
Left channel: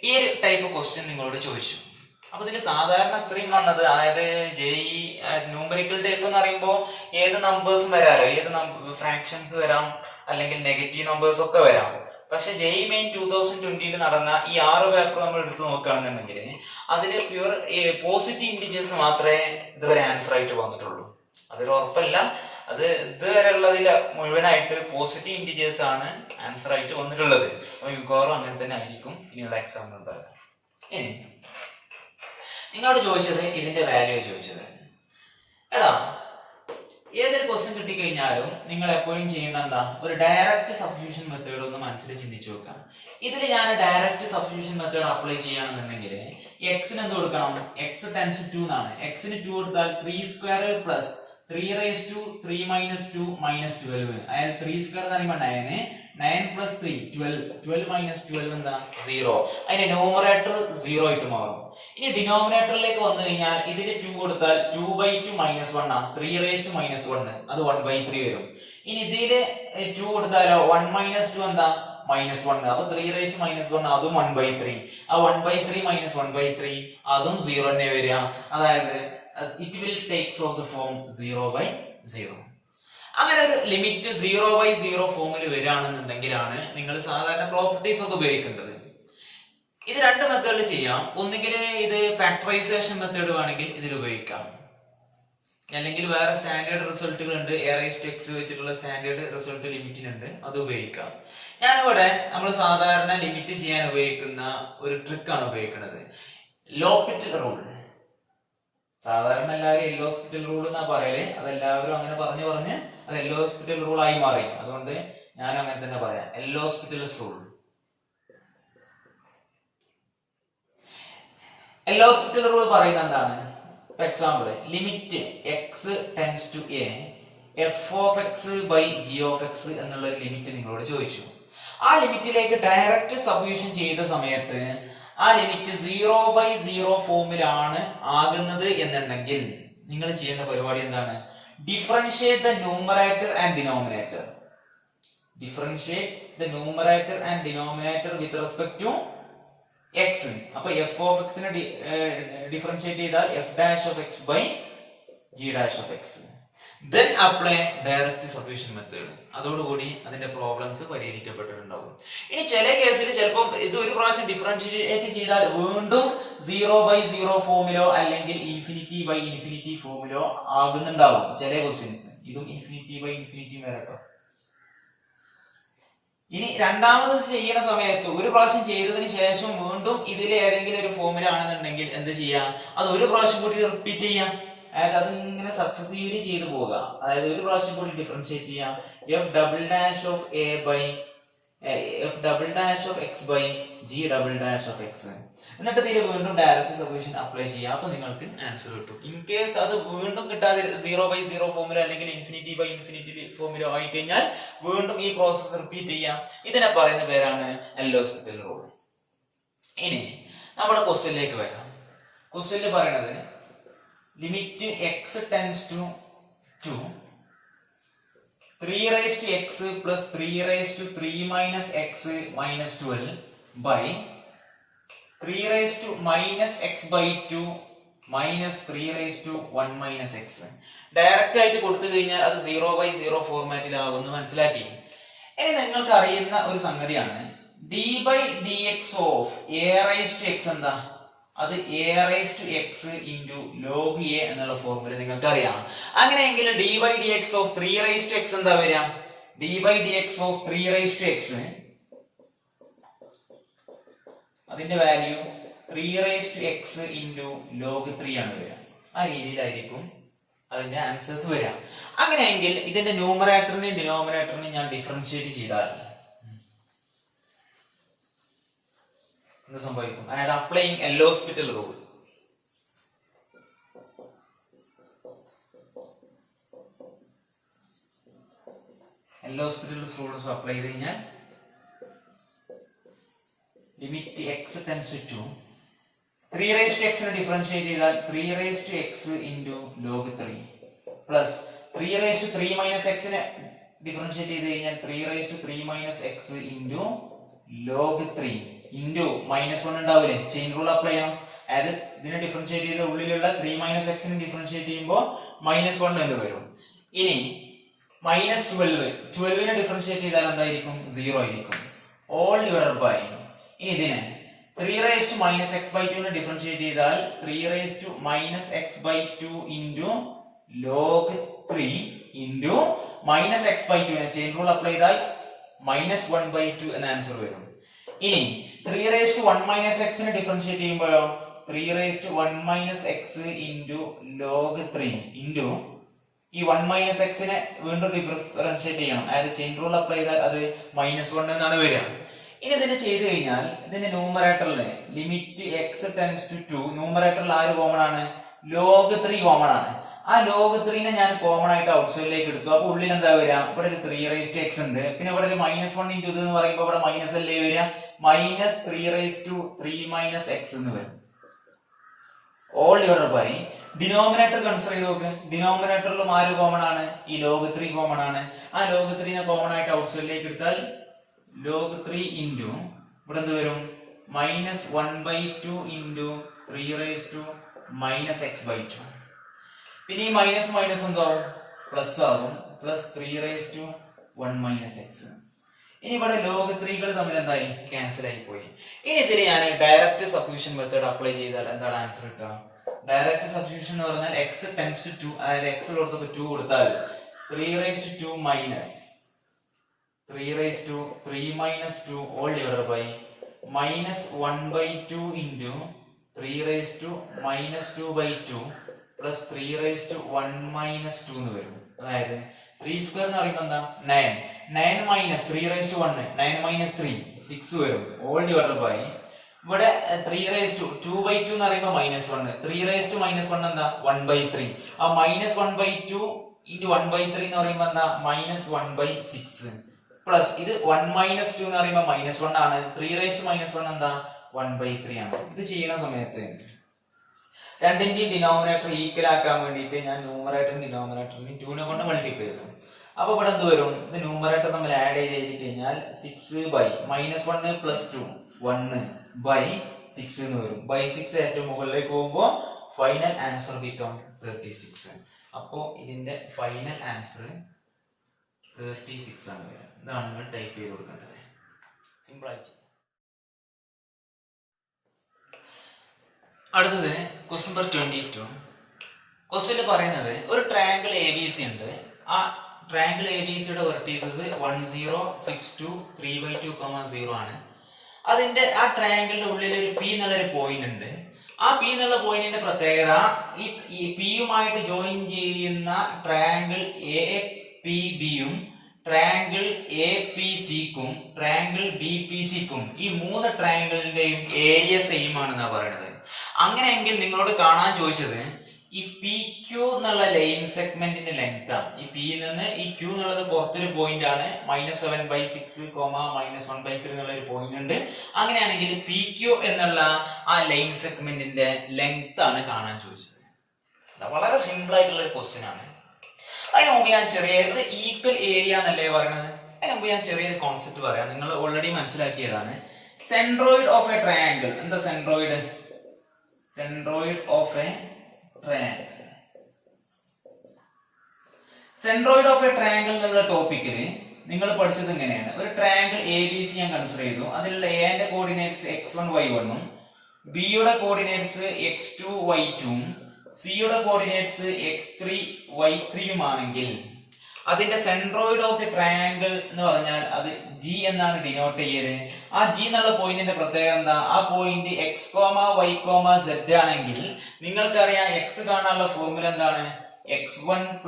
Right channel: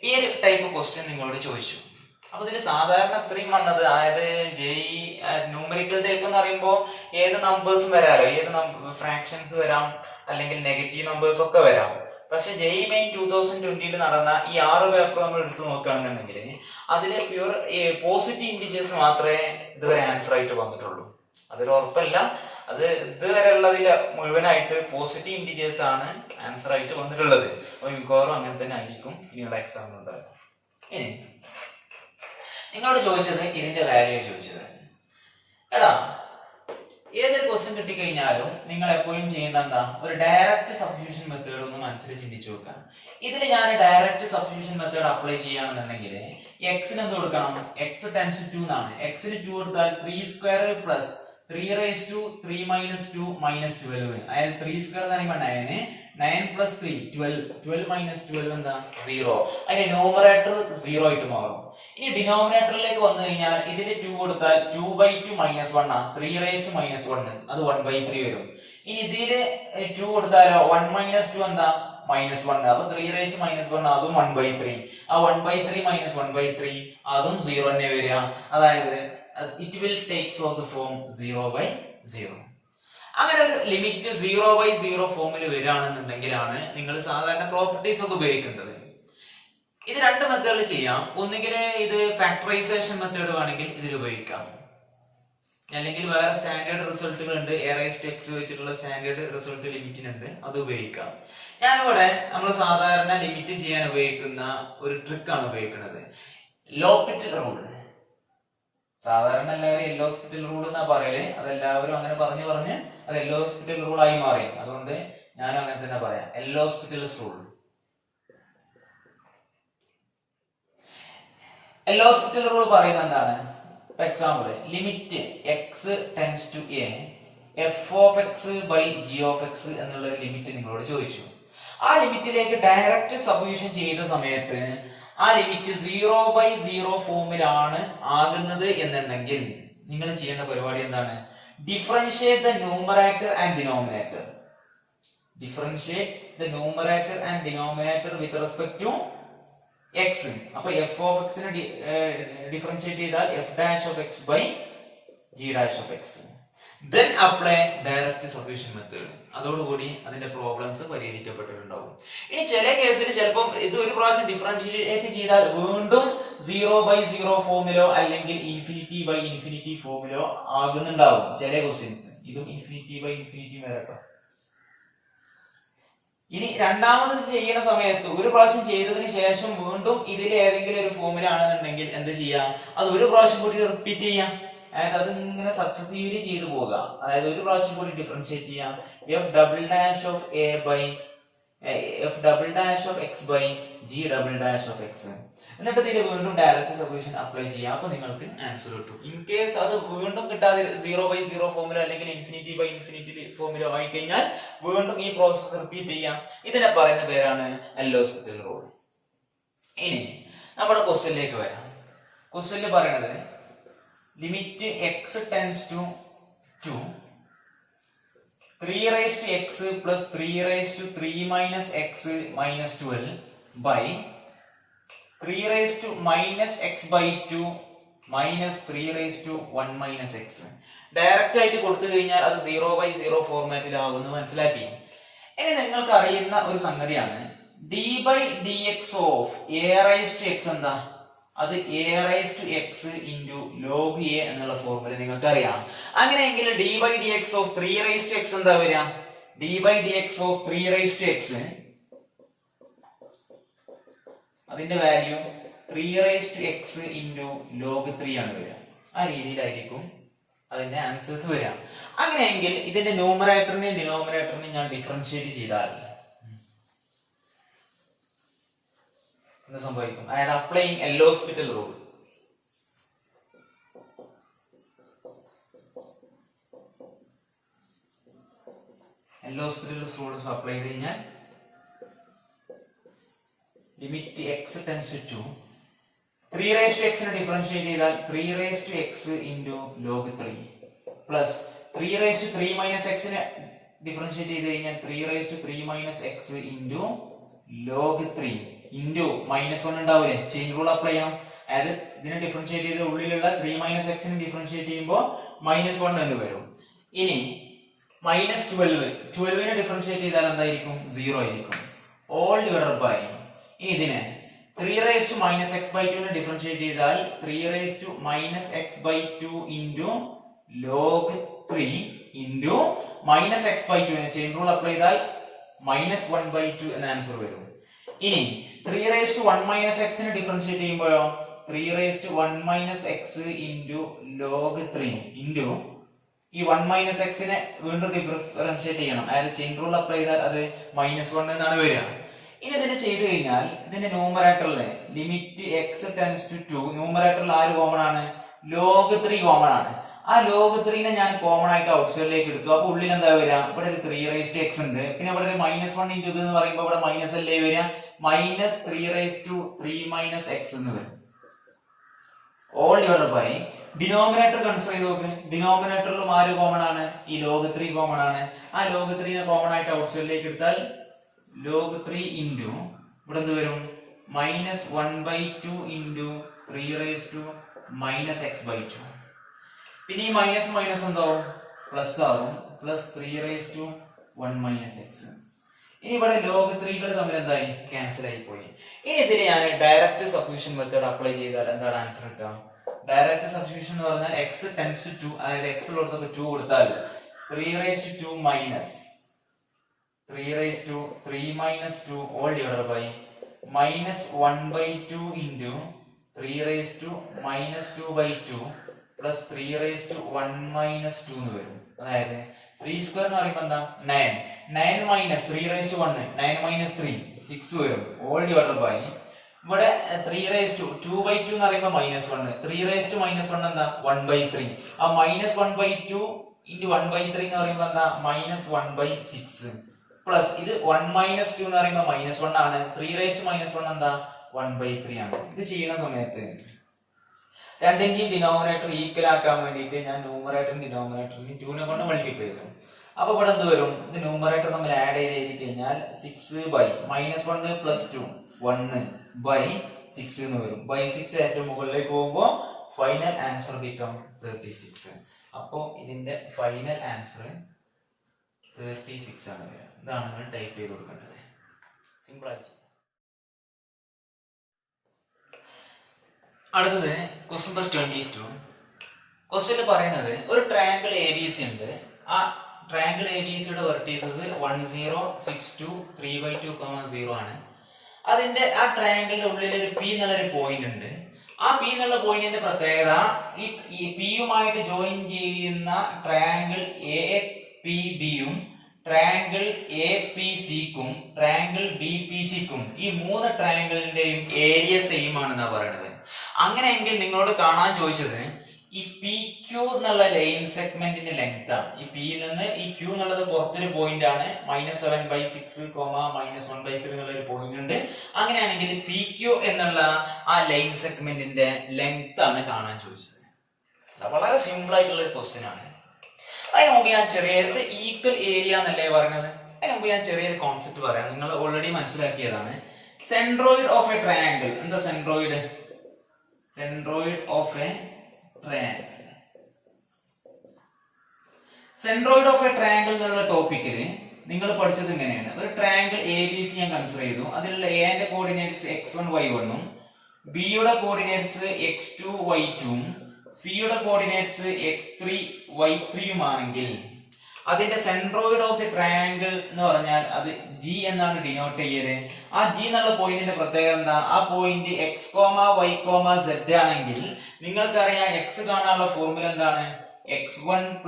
ഈ ഒരു ടൈപ്പ് ക്വസ്റ്റ്യൻ നിങ്ങളോട് ചോദിച്ചു. അപ്പൊ ഇതിൽ സാധാരണ അത്രയും വന്നത്, അതായത് JEE ന്യൂമറിക്കൽ ടൈപ്പ് എന്ന് പറയുമ്പോൾ ഏത് നമ്പേഴ്സും വരാലോ, ഏത് ഫ്രാക്ഷൻസ് വരാം, അല്ലെങ്കിൽ നെഗറ്റീവ് നമ്പേഴ്സ് ഒക്കെ വരാം. പക്ഷെ JEE മെയിൻ 2020 നടന്ന ഈ 6 പേപ്പർ നമ്മൾ എടുത്തു നോക്കുകയാണെന്നുണ്ടെങ്കിൽ അതിൽ പ്യൂർ പോസിറ്റീവ് ഇൻഡിജേഴ്സ് മാത്രമേ ഇതുവരെ ആൻസർ ആയിട്ട് വന്നിട്ടുള്ളൂ. അതൊരു ഉറപ്പല്ല, അത് ഇതുവരെ ഉള്ളതിൽ മുഴുവനായിട്ട് പോസിറ്റീവ് ഇൻഡിജേഴ്സ് ആണ് ആൻസർ ആയിട്ട് വന്നിട്ടുള്ളത്. അപ്പൊ മിക്കവാറും അങ്ങനെ തന്നെ ആയിരിക്കും ഇനിയുള്ള എക്സാമിൽ ഉണ്ടാകുക. ഇനി നിങ്ങളോട് ചോദിച്ചത് ഇതിന്റെ വാല്യൂ ചോദിച്ചത്. എടാ, ഏതൊരു ക്വസ്റ്റ്യൻ കിട്ടിക്കഴിഞ്ഞാലും നിങ്ങൾ എപ്പോഴും ചെയ്യേണ്ട എന്താ, ഒരു ഡയറക്റ്റ് സബ്സ്റ്റിറ്റ്യൂഷൻ മെത്തേഡ് ഒന്ന് മനസ്സിൽ ചിന്തിച്ചു വെക്കാം. ഇതിൽ ഞാൻ ഡയറക്റ്റ് സബ്സ്റ്റിറ്റ്യൂഷൻ മെത്തേഡ് അപ്ലൈ ചെയ്യുകയാണെന്നുണ്ടെങ്കിൽ എക്സിന് എന്ത് കൊടുക്കണം, എക്സ് ടെൻസ് ടു എന്നാണ്. എക്സിന് 2 കൊടുത്താൽ 3² plus 3 raised to 3 minus 2 minus 12. അതായത് 3² എന്ന് പറയുമ്പോൾ 9, 9 plus 3 12, 12 minus 12 എന്താ 0. അതിന്റെ ന്യൂമറേറ്റർ 0 ആയിട്ട് മാറും. ഇനി ഡിനോമിനേറ്ററിലേക്ക് വന്നു കഴിഞ്ഞാൽ ഇതിൽ 2 കൊടുത്താൽ 2/2 minus 1 ആ, 3 raised to minus 1, അത് 1/3 വരും. ഇനി ഇതില് 2 കൊടുത്താലോ 1 minus 2 എന്താ -1, അപ്പൊ 3 raised to minus 1 അതും 1/3. ആ 1/3 minus 1/3 അതും 0 തന്നെ വരിക. അതായത് it will takes of the form 0/0. അങ്ങനെ ഒരു ലിമിറ്റ് 0/0 ഫോമിൽ വരികയാണെന്നുണ്ടെങ്കിലാണ് നിങ്ങൾ സാധാരണ പ്രോപ്പർട്ടീസ് ഒക്കെ ഉപയോഗിക്കേണ്ടത്. ഇത് രണ്ട് മെത്തേഡിൽ ചെയ്യാം. ഒന്നുകിൽ ഇത് ഫാക്ടറൈസേഷൻ മെത്തേഡ് വേണമെങ്കിൽ ഇതിൽ ഉപയോഗിക്കാം, അല്ലെങ്കിൽ വേറെ സ്റ്റാൻഡേർഡ് റിസൾട്ടുകൾ ഉണ്ട്, a⁻x വെച്ചിട്ടുള്ള സ്റ്റാൻഡേർഡ് റിസൾട്ട് ലിമിറ്റിനുണ്ട്, അത് ഉപയോഗിക്കാം. ഞാനിവിടെ നമ്മൾ സാധാരണ ലിമിറ്റ് ചെയ്യാൻ ഉപയോഗിക്കുന്ന ഒരു ട്രിക്കാണ് ഉപയോഗിക്കുന്നത്, ലോപിറ്റൽ റൂൾ. സാധാരണ എല്ലാവരും എല്ലോസ്പിറ്റൽ റൂൾ എന്നാ പറയല്, അതെല്ലാവരും അങ്ങനെ പറഞ്ഞ് അത് എല്ലോസ്പിറ്റൽ റൂൾ ആയി മാറി. അതുകൊണ്ട് ഞാൻ അങ്ങനെ തന്നെ പറയാം, എല്ലോസ്പിറ്റൽസ് റൂൾ. എല്ലോസ്പിറ്റൽ റൂൾ പറയുന്നത് എന്താണ്? For example, limit X tends to A f(x/g(x) എന്നുള്ള ഒരു ലിമിറ്റ് നിങ്ങളോട് ചോദിച്ചു. ആ ലിമിറ്റിലേക്ക് ഡയറക്റ്റ് സബ്സ്റ്റിറ്റ്യൂഷൻ ചെയ്ത സമയത്ത് ആ ലിമിറ്റ് 0/0 ഫോമിലാണ് ആകുന്നത് എന്നുണ്ടെങ്കിൽ നിങ്ങൾ ചെയ്യേണ്ട പരിപാടി എന്താണ്? Differentiate the numerator and denominator. Differentiate the numerator and denominator with respect to X. അപ്പൊ f(x) നെ ഡിഫറൻഷിയേറ്റ് ചെയ്താൽ f'(x/g'(x). Then apply direct substitution method. അതോടുകൂടി അതിന്റെ പ്രോബ്ലംസ് പരിഹരിക്കപ്പെട്ടിട്ടുണ്ടാവും. ഇനി ചില കേസിൽ ചിലപ്പോൾ ഇത് ഒരു പ്രാവശ്യം ഡിഫറൻഷിയേറ്റ് ചെയ്താൽ വീണ്ടും 0/0 ഫോമിലോ അല്ലെങ്കിൽ ∞/∞ ഫോമിലോ ആകുന്നുണ്ടാവും ചില ക്വസ്റ്റ്യൻസ്. ഇതും ∞/∞ വരട്ടോ. ഇനി രണ്ടാമത് ചെയ്യുന്ന സമയത്ത് ഒരു പ്രാവശ്യം ചെയ്തതിന് ശേഷം വീണ്ടും ഇതിൽ ഏതെങ്കിലും ഒരു ഫോമിലാണെന്നുണ്ടെങ്കിൽ എന്ത് ചെയ്യാം, അത് ഒരു പ്രാവശ്യം കൂടി റിപ്പീറ്റ് ചെയ്യാം. അതായത് അത് ഇങ്ങനെ സക്സസീവ്ലി ചെയ്തു പോകുക. അതായത് ഒരു പ്രാവശ്യം കൂടി ഡിഫറൻഷിയേറ്റ് ചെയ്യാം, f'(x/g'(x). എന്നിട്ട് ഇതിൽ വീണ്ടും ഡയറക്റ്റ് സൊല്യൂഷൻ അപ്ലൈ ചെയ്യാം. അപ്പൊ നിങ്ങൾക്ക് ആൻസർ കിട്ടും. ഇൻ കേസ് അത് വീണ്ടും കിട്ടാതെ 0/0 ഫോമിലോ അല്ലെങ്കിൽ ∞/∞ ഫോമിലോ ആയി കഴിഞ്ഞാൽ വീണ്ടും ഈ പ്രോസസ് റിപ്പീറ്റ് ചെയ്യാം. ഇതിനെ പറയുന്ന പേരാണ് എല്ലോസ്പിറ്റൽ റൂൾ. ഇനി നമ്മുടെ ക്വസ്റ്റ്യനിലേക്ക് വരാം. ക്വസ്റ്റ്യനിൽ പറയുന്നത് limit X tends to 3 raised to x plus 3 raised to 3 minus x minus 12 by 3 raised to minus x/2 minus 3 raised to 1 minus x. Direct ആയിട്ട് കൊടുത്തു കഴിഞ്ഞാൽ അത് 0/0 ഫോർമാറ്റിലാകുന്നു മനസ്സിലാക്കി. ഇനി നിങ്ങൾക്ക് അറിയുന്ന ഒരു സംഗതിയാണ് d/dx of a⁻x എന്താ, അത് a⁻x into log a എന്നുള്ള ഫോർമുല നിങ്ങൾക്ക് അറിയാം. അങ്ങനെയെങ്കിൽ d/dx of 3 raised to x എന്താ വരിക? d/dx of 3 raised to x അതിന്റെ value 3 raised to x into log 3 ആണ് വരിക. ആ രീതിയിലായിരിക്കും അതിന്റെ ആൻസേഴ്സ് വരിക. അങ്ങനെയെങ്കിൽ ഇതിന്റെ ന്യൂമറേറ്ററിനെയും ഡിനോമിനേറ്ററിനെയും ഞാൻ ഡിഫറൻഷിയേറ്റ് ചെയ്താൽ എന്ത് സംഭവിക്കും? അതായത് applying L'Hospital rule. L'Hospital rule apply ചെയ്ത് കഴിഞ്ഞാൽ limit X tends to 3 raised to x നെ ഡിഫറൻഷിയേറ്റ് ചെയ്താൽ 3 raised to x into log 3 plus 3 minus എക്സിനെ ഡിഫറൻഷിയേറ്റ് ചെയ്ത് കഴിഞ്ഞാൽ 3 minus X into log 3 into -1 ഉണ്ടാവില്ലേ, ചെയിൻ റൂൾ അപ്ലൈ ചെയ്യണം. അതായത് ഇതിനെ ഡിഫറൻഷിയേറ്റ് ചെയ്ത് ഉള്ളിലുള്ള 3 മൈനസ് എക്സിനെ ഡിഫറൻഷിയേറ്റ് ചെയ്യുമ്പോൾ -1 എന്ന് വരും. ഇനി -12നെ ഡിഫറൻഷിയേറ്റ് ചെയ്താൽ എന്തായിരിക്കും, 0 ആയിരിക്കും. ഓൾ ഡിവൈഡഡ് ബൈ ഇതിനെ 3 x/2 നെ ഡിഫറൻഷിയേറ്റ് ചെയ്താൽ 3 x/2 into log 3 into -x/2 നെ ചെയിൻ റൂൾ അപ്ലൈ ചെയ്താൽ -1/2 എന്ന ആൻസർ വരും. ഇനി 3 x നെ ഡിഫറൻഷിയേറ്റ് ചെയ്യുമ്പോഴോ 3 x ഇൻറ്റു ലോഗ് 3 ഇൻറ്റു ഈ 1 x നെ വീണ്ടും ഡിഫറൻഷിയേറ്റ് ചെയ്യണം. അതായത് ചെയിൻ റൂൾ അപ്ലൈ ചെയ്താൽ അത് -1 എന്നാണ് വരിക. ഇനി ഇതിനെ ചെയ്തു കഴിഞ്ഞാൽ ഇതിന്റെ ന്യൂമറേറ്ററിലെ ലിമിറ്റ് x ടെൻഡ്സ് ടു 2 ന്യൂമറേറ്ററിൽ ആര് കോമൺ ആണ്, ലോഗ് 3 കോമൺ ആണ്. ആ ലോഗ് 3നെ ഞാൻ കോമൺ ആയിട്ട് ഔട്ട് സൈഡിലേക്ക് എടുത്തു. അപ്പൊ ഉള്ളിൽ എന്താ വരിക, ഇവിടെ ഒരു 3x ഉണ്ട്, പിന്നെ ഇവിടെ ഒരു -1 ഇൻറ്റു ഇത് എന്ന് പറയുമ്പോൾ ഇവിടെ മൈനസ് അല്ലേ വരിക, -3 x എന്ന് വരും. All divided by denominator consider ചെയ്ത് നോക്ക്. ഡിനോമിനേറ്ററിലും ആര് കോമൺ ആണ്, ഈ ലോഗ് 3 കോമൺ ആണ്. ആ ലോഗ് 3നെ കോമൺ ആയിട്ട് ഔട്ട് സൈഡിലേക്ക് എടുത്താൽ ലോഗ് 3 ഇൻറ്റു ഇവിടെ എന്ത് വരും, -1/2 ഇൻറ്റു 3 x/2. പിന്നെ ഈ മൈനസ് എന്താവും, പ്ലസ് ആവും, പ്ലസ് 3 x. ഇനി ഇവിടെ ലോഗ് 3കൾ തമ്മിൽ എന്തായി, ക്യാൻസൽ ആയി പോയി. ഇനി ഇതിന് ഞാൻ ഡയറക്റ്റ് സബ്സ്റ്റിറ്റ്യൂഷൻ മെത്തേഡ് അപ്ലൈ ചെയ്താൽ എന്താണ് ആൻസർ കിട്ടുക, ഡയറക്റ്റ് സബ്സ്റ്റിറ്റ്യൂഷൻ എന്ന് പറഞ്ഞാൽ x ടെൻഡ്സ് ടു 2, അതായത് x ഉള്ളിടത്തൊക്കെ 2 കൊടുത്താൽ 3 minus 2 all divided by -1/2 into 3 2/2 plus 3 എന്ന് വരും. അതായത് 3 സ്ക്വയർ എന്ന് പറയുമ്പോൾ എന്താ 9 മൈനസ് 3 9 - 3 6 വരും. ഓൾ ഡിവൈഡഡ് ബൈ ഇവിടെ 2/2 എന്ന് പറയുമ്പോൾ -1, 3 എന്താ 1/3. ആ -1/2 ഇൻറ്റു 1/3 എന്ന് പറയുമ്പോൾ എന്താ -1/6 പ്ലസ് ഇത് 1 - 2 എന്ന് പറയുമ്പോൾ -1 ആണ്. 3 എന്താ 1/3 ആണ്. ഇത് ചെയ്യുന്ന സമയത്ത് രണ്ടിന്റെയും ഡിനോമിനേറ്റർ ഈക്വൽ ആക്കാൻ വേണ്ടിയിട്ട് ഞാൻ ന്യൂമറേറ്ററും ഡിനോമിനേറ്ററിനെ 2നെ കൊണ്ട് മൾട്ടിപ്ലൈ ചെയ്തു. അപ്പൊ ഇവിടെ എന്ത് വരും, ഇത് ന്യൂമറേറ്റർ തമ്മിൽ ആഡ് ചെയ്ത് എഴുതി കഴിഞ്ഞാൽ 6/-1 + 2 1/6 എന്ന് വരും. 6 ഏറ്റവും മുകളിലേക്ക് പോകുമ്പോൾ ഫൈനൽ ആൻസർ ബിക്കം 36. അപ്പോ ഇതിന്റെ ഫൈനൽ ആൻസർ 36 ആണ് വരിക. ഇതാണ് നിങ്ങൾ ടൈപ്പ് ചെയ്ത് കൊടുക്കേണ്ടത്. സിമ്പിൾ ആയിട്ട്. അടുത്തത് ക്വസ്റ്റ്യൻ നമ്പർ 22. ക്വസ്റ്റ്യനിൽ പറയുന്നത് ഒരു ട്രയാങ്കിൾ ABC ഉണ്ട്. ആ ട്രയാങ്കിൾ ABCയുടെ വെർട്ടീസസ് 10 6 2 3/2, 0 ആണ്. അതിന്റെ ആ ട്രയാങ്കിളിന്റെ ഉള്ളിൽ ഒരു P എന്നുള്ളൊരു പോയിന്റ് ഉണ്ട്. ആ P എന്നുള്ള പോയിന്റിന്റെ പ്രത്യേകത ഈ Pയുമായിട്ട് ജോയിൻ ചെയ്യുന്ന ട്രയാങ്കിൾ APBയും ട്രയാങ്കിൾ APCക്കും ട്രയാങ്കിൾ BPCക്കും ഈ 3 ട്രയാങ്കിളിന്റെയും ഏരിയ സെയിം ആണെന്നാണ് പറയുന്നത്. അങ്ങനെയെങ്കിൽ നിങ്ങളോട് കാണാൻ ചോദിച്ചത് ഈ PQ എന്നുള്ള ലൈൻ സെഗ്മെന്റിന്റെ ലെങ്ത് ആണ്. ഈ P യിൽ നിന്ന് ഈ Q എന്നുള്ളത് പുറത്തൊരു പോയിന്റ് ആണ്. -7/6, -1/3 എന്നുള്ള ഒരു പോയിന്റ് ഉണ്ട്. അങ്ങനെയാണെങ്കിൽ PQ എന്നുള്ള ആ ലൈൻ സെഗ്മെന്റിന്റെ ലെങ്ത് ആണ് കാണാൻ ചോദിച്ചത്. വളരെ സിമ്പിൾ ആയിട്ടുള്ള ഒരു ക്വസ്റ്റ്യൻ ആണ്. അതിന് മുമ്പ് ഞാൻ ചെറിയത് ഈക്വൽ ഏരിയ എന്നല്ലേ പറയുന്നത്. അതിന് മുമ്പ് ഞാൻ ചെറിയൊരു കോൺസെപ്റ്റ് പറയാം. നിങ്ങൾ ഓൾറെഡി മനസ്സിലാക്കിയതാണ്. Centroid of a triangle. എന്താ centroid? Centroid of a triangle. Centroid of a triangle എന്നുള്ള ടോപ്പിക്കിൽ നിങ്ങൾ പഠിച്ചത് ഇങ്ങനെയാണ്. ഒരു ട്രയാങ്കിൾ ABC ഞാൻ കൺസിഡർ ചെയ്തു. അതിലുള്ള എന്റെ കോർഡിനേറ്റ്സ് x1 y1 ഉം ബിയുടെ കോർഡിനേറ്റ്സ് x2 y2 ഉം സിയുടെ കോർഡിനേറ്റ്സ് x3 y3 ആണെങ്കിൽ അതിന്റെ സെൻട്രോയിഡ് ഓഫ് ദി ട്രയാങ്കിൾ എന്ന് പറഞ്ഞാൽ അത് G എന്നാണ് ഡിനോട്ട് ചെയ്യല്. ആ G എന്നുള്ള പോയിന്റിന്റെ പ്രത്യേകത എന്താ? ആ പോയിന്റ് x, y, z ആണെങ്കിൽ നിങ്ങൾക്കറിയാം x കാണാനുള്ള ഫോർമുല എന്താണ്? x1 +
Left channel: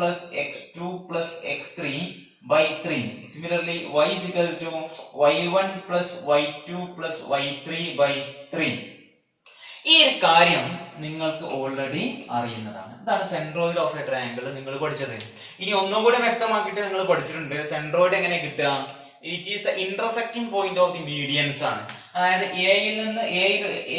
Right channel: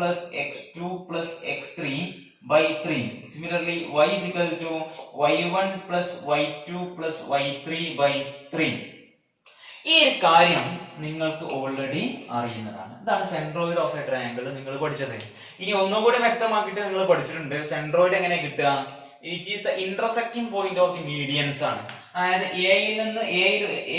x2 + x3/3. Similarly y is equal to y1 + y2 + y3/3. ഈ ഒരു കാര്യം നിങ്ങൾക്ക് ഓൾറെഡി അറിയുന്നതാണ്. ഇതാണ് സെൻട്രോയിഡ് ഓഫ് എ ട്രയാങ്കിൾ നിങ്ങൾ പഠിച്ചത്. ഇനി ഒന്നുകൂടി വ്യക്തമാക്കിയിട്ട് നിങ്ങൾ പഠിച്ചിട്ടുണ്ട് സെൻട്രോയിഡ് എങ്ങനെ കിട്ടുക? It is the intersecting point of the medians ആണ്. അതായത് എയിൽ നിന്ന്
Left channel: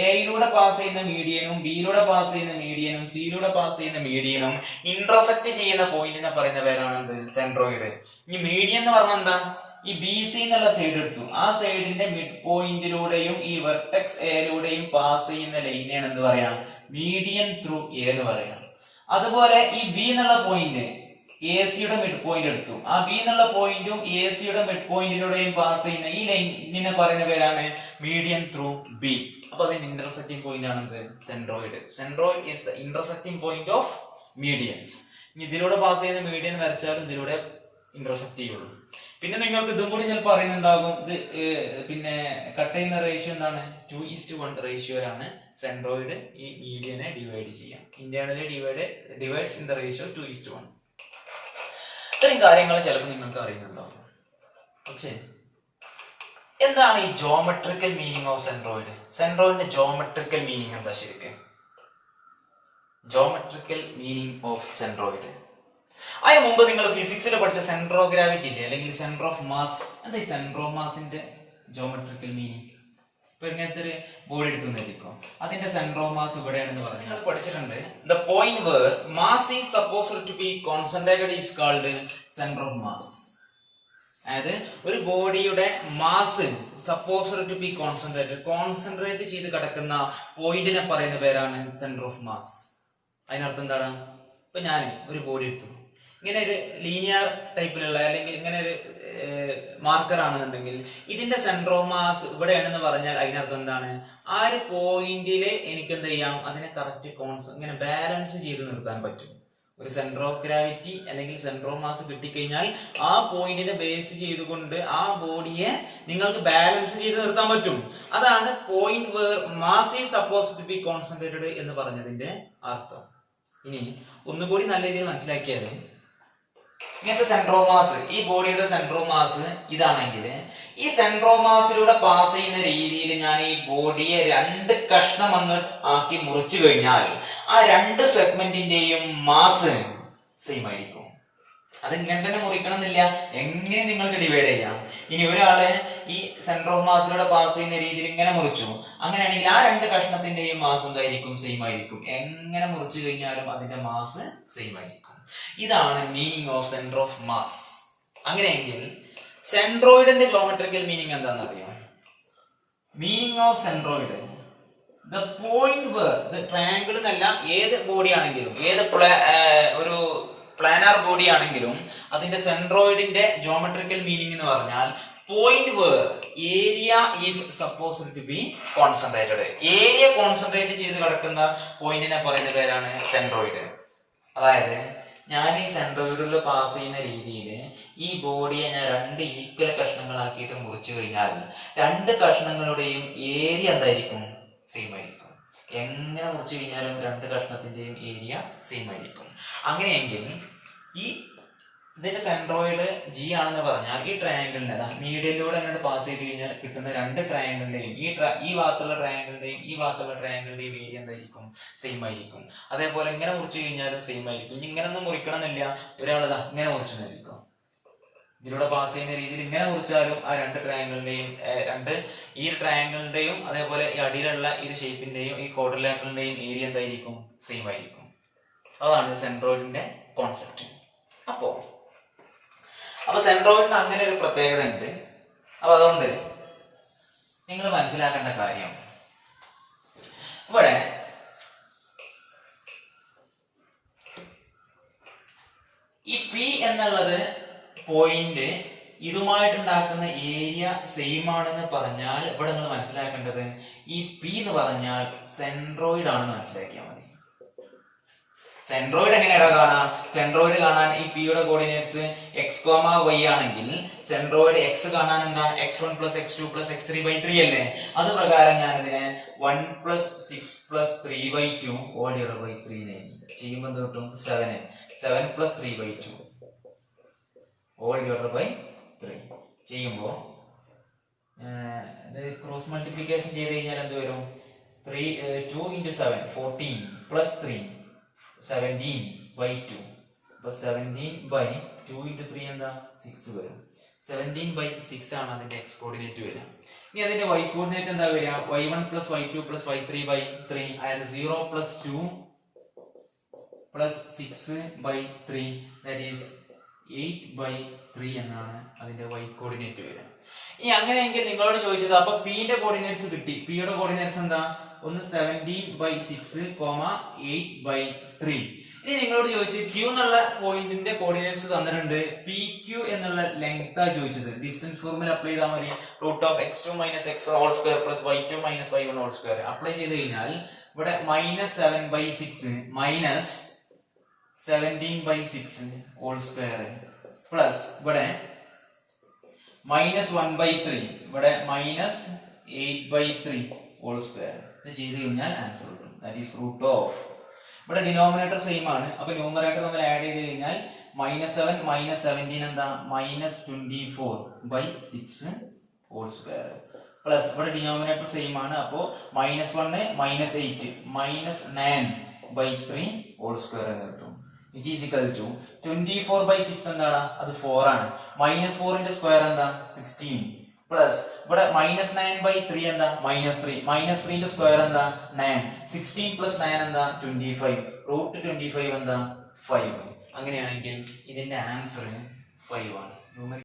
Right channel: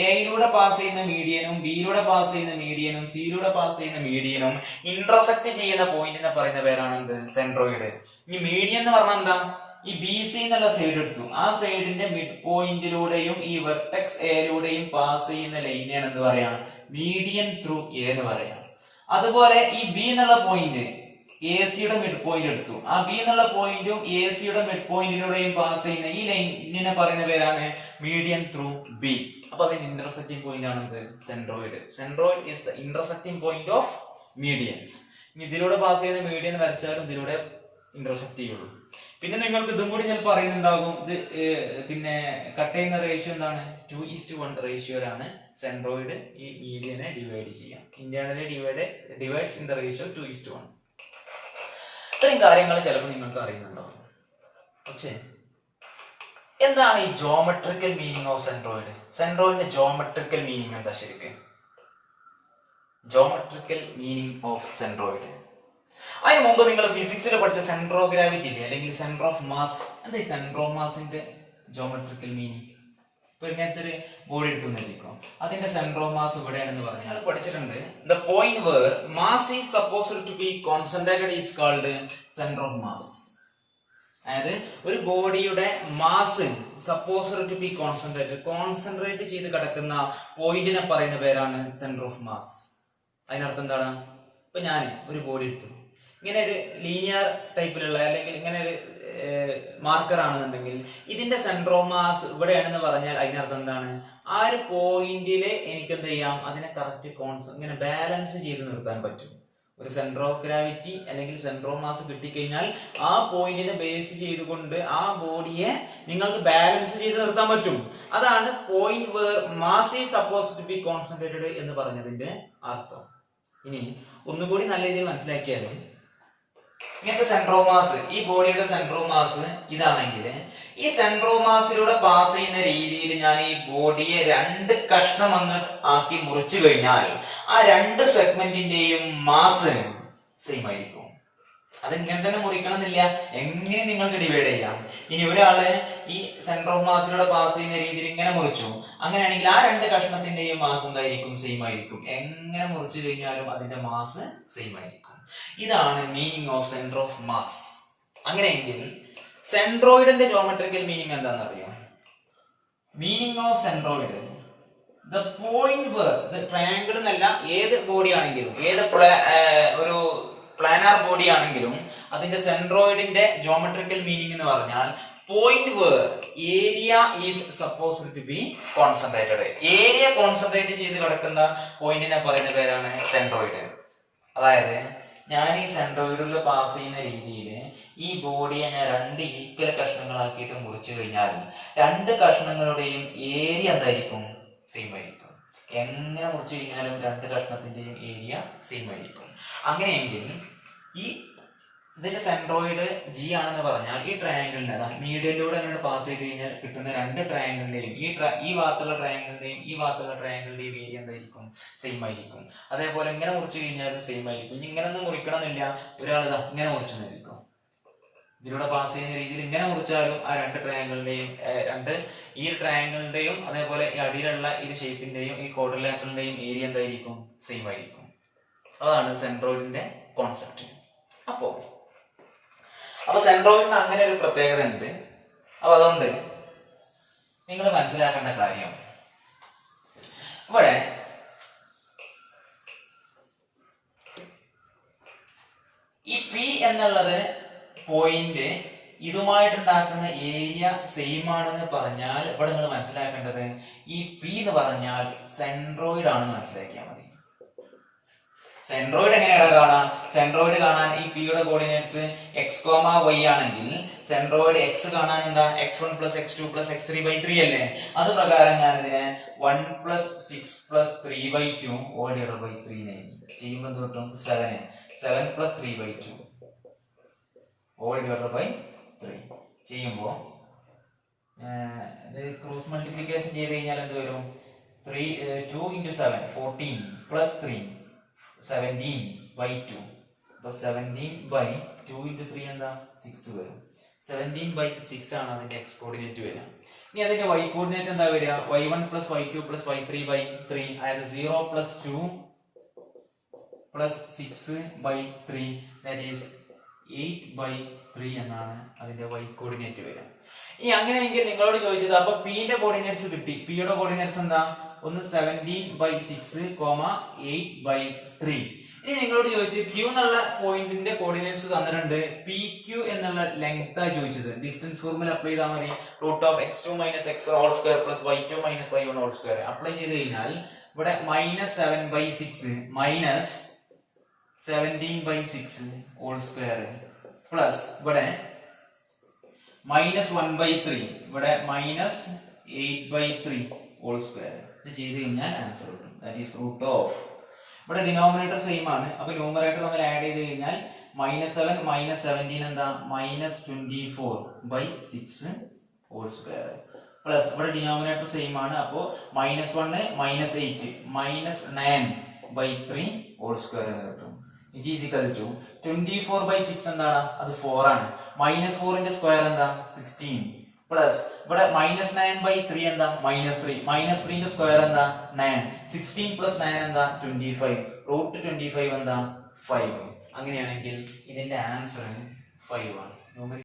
എയിലൂടെ പാസ് ചെയ്യുന്ന മീഡിയനും ബിയിലൂടെ പാസ് ചെയ്യുന്ന മീഡിയനും സിയിലൂടെ പാസ് ചെയ്യുന്ന മീഡിയനും ഇന്റർസെക്ട് ചെയ്യുന്ന പോയിന്റിനെ പറയുന്ന പേരാണ് എന്ത്? സെൻട്രോയിഡ്. ഈ മീഡിയൻ എന്ന് പറഞ്ഞാൽ എന്താ? ഈ ബി സി എന്നുള്ള സൈഡ് എടുത്തു, ആ സൈഡിന്റെ മിഡ് പോയിന്റിലൂടെയും ഈ വെർട്ടെക്സ് എയിലൂടെയും പാസ് ചെയ്യുന്ന ലൈനെയാണ് എന്ത് പറയാം? മീഡിയൻ ത്രൂ എ എന്ന് പറയാം. അതുപോലെ ഈ ബി എന്നുള്ള പോയിന്റ് എ സിയുടെ മിഡ് പോയിന്റ് എടുത്തു, ആ ബി എന്നുള്ള പോയിന്റും എ സിയുടെ മിഡ് പോയിന്റിലൂടെയും പാസ് ചെയ്യുന്ന ഈ ലൈനിനെ പറയുന്ന പേരാണ് മീഡിയൻ ത്രൂ ബി. അപ്പൊ അതിന് ഇന്റർസെക്റ്റിംഗ് പോയിന്റ് ആണ് എന്ത്? Centroid. Centroid is the intersecting point of medians. ഇതിലൂടെ പാസ് ചെയ്യുന്ന മീഡിയൻ വരച്ചാലും ഇതിലൂടെ ഇന്റർസെക്ട് ചെയ്യുള്ളൂ. പിന്നെ നിങ്ങൾക്ക് ഇതും കൂടി ചിലപ്പോൾ അറിയുന്നുണ്ടാകും, ഇത് പിന്നെ കട്ട് ചെയ്യുന്ന റേഷ്യോ എന്താണ്? 2:1 റേഷ്യോയിലാണ് സെൻട്രോയിഡ് ഈ മീഡിയനെ ഡിവൈഡ് ചെയ്യാം. Internally divides in the ratio 2:1. ഇത്രയും കാര്യങ്ങൾ ചിലപ്പോൾ നിങ്ങൾക്ക് അറിയുന്നുണ്ടാവും. പക്ഷേ എന്താണ് ഈ ജോമെട്രിക്കൽ മീനിങ് ഓഫ് സെൻട്രോയിഡ്? സെൻട്രോയിഡിന്റെ ജോമെട്രിക്കൽ മീനിങ് എന്താ ശരിക്കും? Geometrical meaning of centroid. അതിന് മുമ്പ് നിങ്ങൾ ഫിസിക്സിൽ പഠിച്ച സെന്റർ ഓഫ് ഗ്രാവിറ്റി ഇല്ലേ, അല്ലെങ്കിൽ സെന്റർ ഓഫ് മാസ്, എന്താ ഈ സെന്റർ ഓഫ് മാസിന്റെ ജോമെട്രിക്കൽ മീനിങ്? ഇപ്പൊ ഇങ്ങനത്തെ ഒരു ബോഡി എടുത്തു നൽകിക്കോ, അതിന്റെ സെന്റർ ഓഫ് മാസ് ഇവിടെയാണെന്ന് പറഞ്ഞു നിങ്ങൾ പഠിച്ചിട്ടുണ്ട്. The point where mass is supposed to be concentrated is called centre of mass. അതായത് ഒരു ബോഡിയുടെ mass supposed to be concentrate ചെയ്ത് കിടക്കുന്ന പോയിന്റിനെ പറയുന്ന പേരാണ് സെന്റർ ഓഫ് മാസ്. അതിനർത്ഥം എന്താണ്? ഇപ്പൊ ഞാൻ ഒരു ബോഡി എടുത്തു, ഇങ്ങനെ ഒരു ലീനിയർ ടൈപ്പിലുള്ള അല്ലെങ്കിൽ ഇങ്ങനെ ഒരു മാർക്കർ ആണെന്നുണ്ടെങ്കിൽ ഇതിന്റെ സെന്റർ ഓഫ് മാസ് ഇവിടെയാണെന്ന് പറഞ്ഞാൽ അതിനർത്ഥം എന്താണ്? ആ ഒരു പോയിന്റില് എനിക്ക് എന്ത് ചെയ്യാം? അതിനെ കറക്റ്റ് ഇങ്ങനെ ബാലൻസ് ചെയ്ത് നിർത്താൻ പറ്റും. ഒരു സെന്റർ ഓഫ് ഗ്രാവിറ്റി അല്ലെങ്കിൽ സെന്റർ ഓഫ് മാസ് കിട്ടിക്കഴിഞ്ഞാൽ ആ പോയിന്റിനെ ബേസ് ചെയ്തുകൊണ്ട് ആ ബോഡിയെ നിങ്ങൾക്ക് ബാലൻസ് ചെയ്ത് നിർത്താൻ പറ്റും. അതാണ് point where mass is supposed to be concentrated എന്ന് പറഞ്ഞതിന്റെ അർത്ഥം. ഇനി ഒന്നുകൂടി നല്ല രീതിയിൽ മനസ്സിലാക്കിയാൽ, ഇങ്ങനത്തെ സെന്റർ ഓഫ് മാസ്, ഈ ബോഡിയുടെ സെന്റർ ഓഫ് മാസ് ഇതാണെങ്കിൽ ഈ സെന്റർ ഓഫ് മാസിലൂടെ പാസ് ചെയ്യുന്ന രീതിയിൽ ഞാൻ ഈ ബോഡിയെ 2 കഷ്ണം ഒന്ന് ആക്കി മുറിച്ചു കഴിഞ്ഞാൽ ആ 2 സെഗ്മെന്റിന്റെയും മാസ് സെയിം ആയിരിക്കും. അത് ഇങ്ങനെ തന്നെ മുറിക്കണം എന്നില്ല, എങ്ങനെ നിങ്ങൾക്ക് ഡിവൈഡ് ചെയ്യാം. ഇനി ഒരാള് ഈ സെന്റർ ഓഫ് മാസിലൂടെ പാസ് ചെയ്യുന്ന രീതിയിൽ ഇങ്ങനെ മുറിച്ചു, അങ്ങനെയാണെങ്കിൽ ആ 2 കഷ്ണത്തിന്റെയും മാസ് എന്തായിരിക്കും? സെയിം ആയിരിക്കും. എങ്ങനെ മുറിച്ചു കഴിഞ്ഞാലും അതിന്റെ മാസ് സെയിം ആയിരിക്കും. ഇതാണ് meaning of centre of mass. അങ്ങനെയെങ്കിൽ സെൻട്രോയിഡിന്റെ ജോമെട്രിക്കൽ മീനിങ് എന്താണെന്ന് അറിയാം? Meaning of centroid, the point where, triangle എന്നല്ല, ഏത് ബോഡി ആണെങ്കിലും, ഏത് ഒരു പ്ലാനാർ ബോഡി ആണെങ്കിലും അതിന്റെ സെൻട്രോയിഡിന്റെ ജോമെട്രിക്കൽ മീനിങ് എന്ന് പറഞ്ഞാൽ point where area is supposed to be concentrated. Area concentrate ചെയ്ത് കിടക്കുന്ന പോയിന്റിനെ പറയുന്ന പേരാണ് സെൻട്രോയിഡ്. അതായത് ഞാൻ ഈ സെൻട്രോയിഡിൽ പാസ് ചെയ്യുന്ന രീതിയിൽ ഈ ബോഡിയെ ഞാൻ 2 ഈക്വൽ കഷ്ണങ്ങളാക്കിയിട്ട് മുറിച്ചു കഴിഞ്ഞാൽ 2 കഷ്ണങ്ങളുടെയും ഏരിയ എന്തായിരിക്കും? സെയിം ആയിരിക്കും. എങ്ങനെ മുറിച്ചു കഴിഞ്ഞാലും 2 കഷ്ണത്തിന്റെയും ഏരിയ സെയിം ആയിരിക്കും. അങ്ങനെയെങ്കിൽ ഈ ഇതിന്റെ സെൻട്രോയിഡ് ജി ആണെന്ന് പറഞ്ഞാൽ ഈ ട്രയാങ്കിളിന്റെ മീഡിയയിലൂടെ അങ്ങനെ പാസ് ചെയ്ത് കഴിഞ്ഞാൽ കിട്ടുന്ന 2 ട്രയാങ്കിളിന്റെയും ഈ ഭാഗത്തുള്ള ട്രയാങ്കിളിന്റെയും ഈ ഭാഗത്തുള്ള ട്രയാങ്കിളിന്റെയും ഏരിയ എന്തായിരിക്കും? സെയിം ആയിരിക്കും. അതേപോലെ ഇങ്ങനെ മുറിച്ചു കഴിഞ്ഞാലും സെയിം ആയിരിക്കും. ഇനി ഇങ്ങനെ ഒന്നും മുറിക്കണമെന്നില്ല, ഒരാൾ ഇങ്ങനെ മുറിച്ചെന്നായിരിക്കും. ഇതിലൂടെ പാസ് ചെയ്യുന്ന രീതിയിൽ ഇങ്ങനെ മുറിച്ചാലും ആ 2 ട്രയാങ്കിളിന്റെയും ഈ ട്രയാങ്കിളിന്റെയും അതേപോലെ ഈ അടിയിലുള്ള ഈ ഷേപ്പിന്റെയും ഈ ക്വാഡ്രിലാറ്ററലിന്റെയും ഏരിയ എന്തായിരിക്കും? സെയിം ആയിരിക്കും. അതാണ് സെൻട്രോയിഡിന്റെ കോൺസെപ്റ്റ്. അപ്പൊ സെൻട്രോയിഡിന് അങ്ങനെ ഒരു പ്രത്യേകത ഉണ്ട്. അപ്പൊ അതുകൊണ്ട് നിങ്ങൾ മനസ്സിലാക്കേണ്ട കാര്യം, ഇവിടെ ഈ പി എന്നുള്ളത് പോയിന്റ് ഇതുമായിട്ടുണ്ടാക്കുന്ന ഏരിയ സെയിം ആണെന്ന് പറഞ്ഞാൽ ഇവിടെ നിങ്ങൾ മനസ്സിലാക്കേണ്ടത് ഈ പി എന്ന് പറഞ്ഞാൽ സെൻട്രോയിഡ് ആണെന്ന് മനസ്സിലാക്കിയാൽ മതി. സെൻട്രോയിഡ് എങ്ങനെയാണ് കാണാം? സെൻട്രോയിഡ് കാണാൻ ഈ പിയുടെ കോർഡിനേറ്റ്സ് x,y ആണെങ്കിൽ സെൻട്രോയിഡ് x കാണാൻ എന്താ? x1 + x2 + x3/3 അല്ലേ? അത് പ്രകാരം ഞാൻ ഇതിനെ 1 + 6 + 3/2 3 ചെയ്യുമ്പോൾ എന്ത് കിട്ടും? 7 + 3/2 3 ചെയ്യുമ്പോൾ ക്രോസ് മൾട്ടിപ്ലിക്കേഷൻ ചെയ്ത് കഴിഞ്ഞാൽ എന്ത് വരും? 2 × 7 14 + 3 17/2 അപ്പൊ 17/2 × 3 എന്താ? 6 വരും. 17/6 ആണ് അതിന്റെ എക്സ് കോർഡിനേറ്റ് വരിക. ഇനി അതിന്റെ വൈ കോർഡിനേറ്റ് എന്താ വരിക? y1 + y2 + y3/3, അതായത് 0 + 2 + 6/3, ദാറ്റ് ഈസ് 8/3 എന്നാണ് അതിന്റെ വൈ കോർഡിനേറ്റ് വരിക. ഇനി അങ്ങനെയെങ്കിൽ നിങ്ങളോട് ചോദിച്ചത് അപ്പൊ പി ന്റെ കോർഡിനേറ്റ്സ് കിട്ടി. പി യുടെ കോർഡിനേറ്റ്സ് എന്താ? ഒന്ന് 17/6, 8/3. ഇനി നിങ്ങളോട് ചോദിച്ചു ക്യൂ എന്നുള്ള പോയിന്റിന്റെ കോർഡിനേറ്റ്സ് തന്നിട്ടുണ്ട്. പി ക്യൂ എന്നുള്ള ലെങ്ത് ആ ചോദിച്ചത്. ഡിസ്റ്റൻസ് ഫോർമുല അപ്ലൈ ചെയ്താൽ മതി. √(x2 - x2) + y2 - y1² apply ചെയ്ത് കഴിഞ്ഞാൽ ഇവിടെ -7/6 -17/6² പ്ലസ് ഇവിടെ -1/3, ഇവിടെ -8/3² ഇത് ചെയ്ത് കഴിഞ്ഞാൽ ആൻസർ കിട്ടും. That is √(. ഇവിടെ ഡിനോമിനേറ്റർ സെയിം ആണ്. അപ്പൊ ന്യൂമറേറ്റർ നമ്മൾ ആഡ് ചെയ്ത് കഴിഞ്ഞാൽ -7 - 17 എന്താ? -24/6² പ്ലസ് ഇവിടെ ഡിനോമിനേറ്റർ സെയിം ആണ്. അപ്പോ -1 -8 -9/3² കിട്ടും. which is equal to 24/6 എന്താണ്? അത് 4 ആണ്. -4ന്റെ സ്ക്വയർ എന്താ? 16 പ്ലസ് ഇവിടെ -9/3 എന്താ? -3 -3ന്റെ സ്ക്വയർ എന്താ? 9. 16 + 9 എന്താ? 25. √25 എന്താ? 5. അങ്ങനെയാണെങ്കിൽ ഇതിന്റെ ആൻസർ 5 ആണ്.